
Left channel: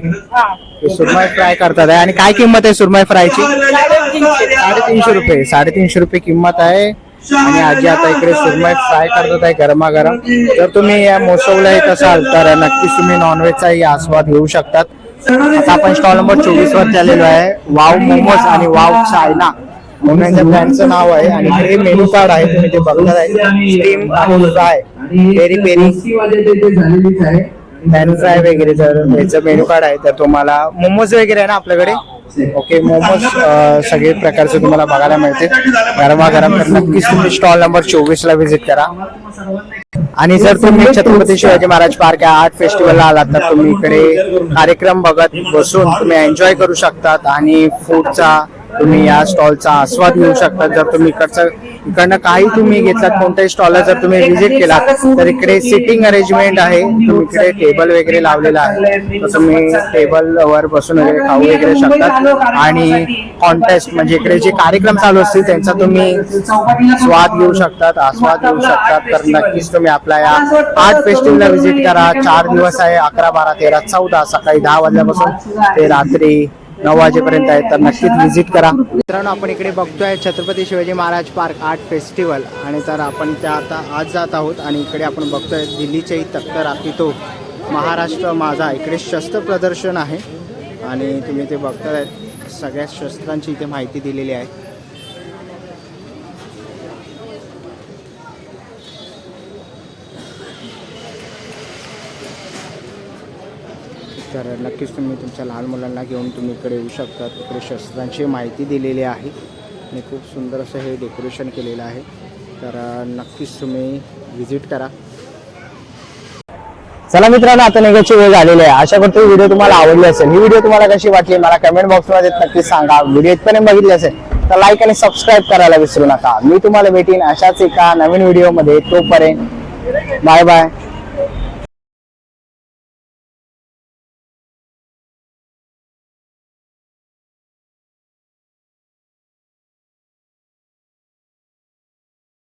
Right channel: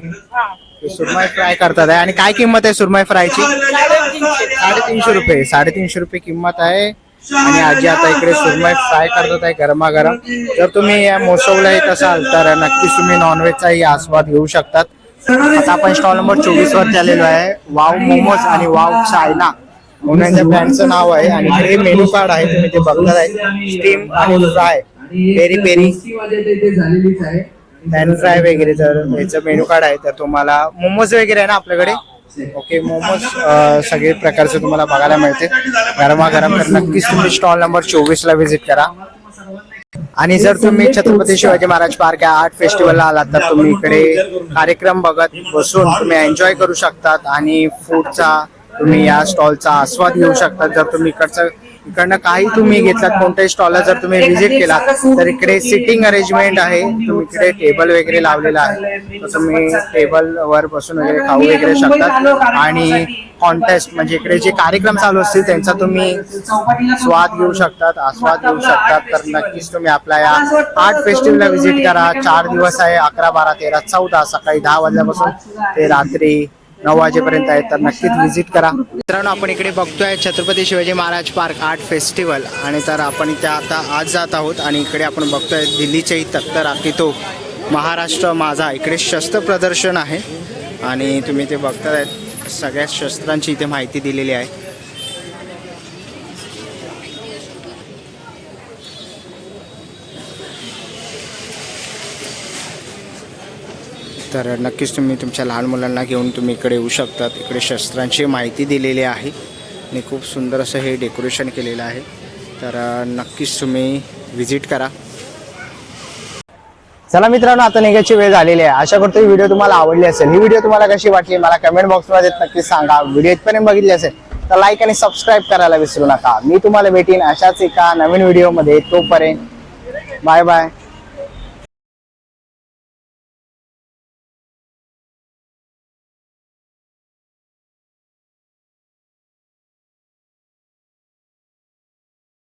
सुरमई फ्राय करतात आहे आणि काय किंमत आहे सुरमई फ्रायची? 350 रुपये. 350 रुपये किंमत आहे आणि आजी आता इकडे सुरमई फ्राय करतात आहे गरमागरम. जर तुम्ही या मोसवला येत असाल तर नक्कीच तुम्ही नॉनव्हेजचाही आस्वाद घेऊ शकतात. आता आपण स्टॉल नंबर 24 वरती आलेलो आहे. वाव मोमोज आणि वाव चायना म्हणून यांच्या ब्रँडचं नाव आहे आणि हे मेनू कार्ड आहे. तुम्ही ते बघणार आहे. स्टीम आणि fry, peri peri, pan fry वगैरे जर याचं मेनू कार्ड आहे. तर तुम्हाला मोमोज वगैरे आहे ना आपल्याकडे. ओके, मोमोज सगळे प्रकारचे तुम्हाला बघायला मिळते गरमागरम. तर नक्कीच तुम्ही स्टॉल नंबर 24 ला व्हिजिट करा. आणि जर तुम्ही छत्रपती शिवाजी महाराज पार्क या आर्ट फेस्टिवलला आलात तर तुम्ही इकडे कार्यक्रम बघत बसून तुम्ही एन्जॉय करू शकतात आणि फूडचा तुम्ही या स्टॉलचा आस्वाद घेऊ शकता. जर तुम्ही इकडनं काही तुम्ही घेतलात कोणत्याही स्टॉलला जर तुम्ही व्हिजिट केलात तर इकडे सिटिंग अरेंजमेंट आहे. तुम्ही इकडे टेबल वगैरे लावलेला आहे तर तुम्ही टेबलवर बसून वगैरे खाऊ वगैरे शकतात आणि कॉन्टेस्ट म्हणजे इकडे जे कार्यक्रम चालू असतील त्यांचा तुम्ही स्वाद घेऊ शकतात, आस्वाद घेऊ शकतात. तर नक्कीच तुम्ही आपल्या या आर्ट फेस्टिवलला व्हिजिट करा. 4 दिवस आहे, 11, 12, 13, 14 सकाळी 10 वाजल्यापासून ते रात्री 9 वाजेपर्यंत आहे. तर नक्कीच व्हिजिट करा. मित्रांनो, आपण इकडे बघतोय Chhatrapati Shivaji Maharaj park art festival आणि तर आपण इथे आता आज जात आहोत आणि इकडे आपण बघतोय दिल्लीच्याही तख्त राखीतो महाराष्ट्र माझा. इकडे शस्त्र प्रदर्शन आहे आणि तुम्ही ते बघताय सगळ्या शस्त्रांची इथे माहिती दिलेली आहे. तर नक्कीच तुम्ही तुमच्या लहान मुलांना घेऊन तुम्ही इकडे येऊ शकतात. इकडे शस्त्रांची माहिती दिलेली आहे आणि खूप सुंदर असं हे डेकोरेशन केलेलं आहे. तर नक्कीच तुम्ही व्हिजिट करा. चला मित्रांनो, आता निघायची वेळ झालेली आहे. आशा करतो व्हिडिओ तुम्हाला आवडली असेल. ही व्हिडिओ तुम्हाला कशी वाटली मला कमेंट बॉक्समध्ये नक्कीच सांगा. व्हिडिओ इथपर्यंत बघितली असेल तर लाईक आणि सबस्क्राईब करायला विसरू नका. मी तुम्हाला भेटीन अशाच एका नवीन व्हिडिओमध्ये. तोपर्यंत बाय बाय.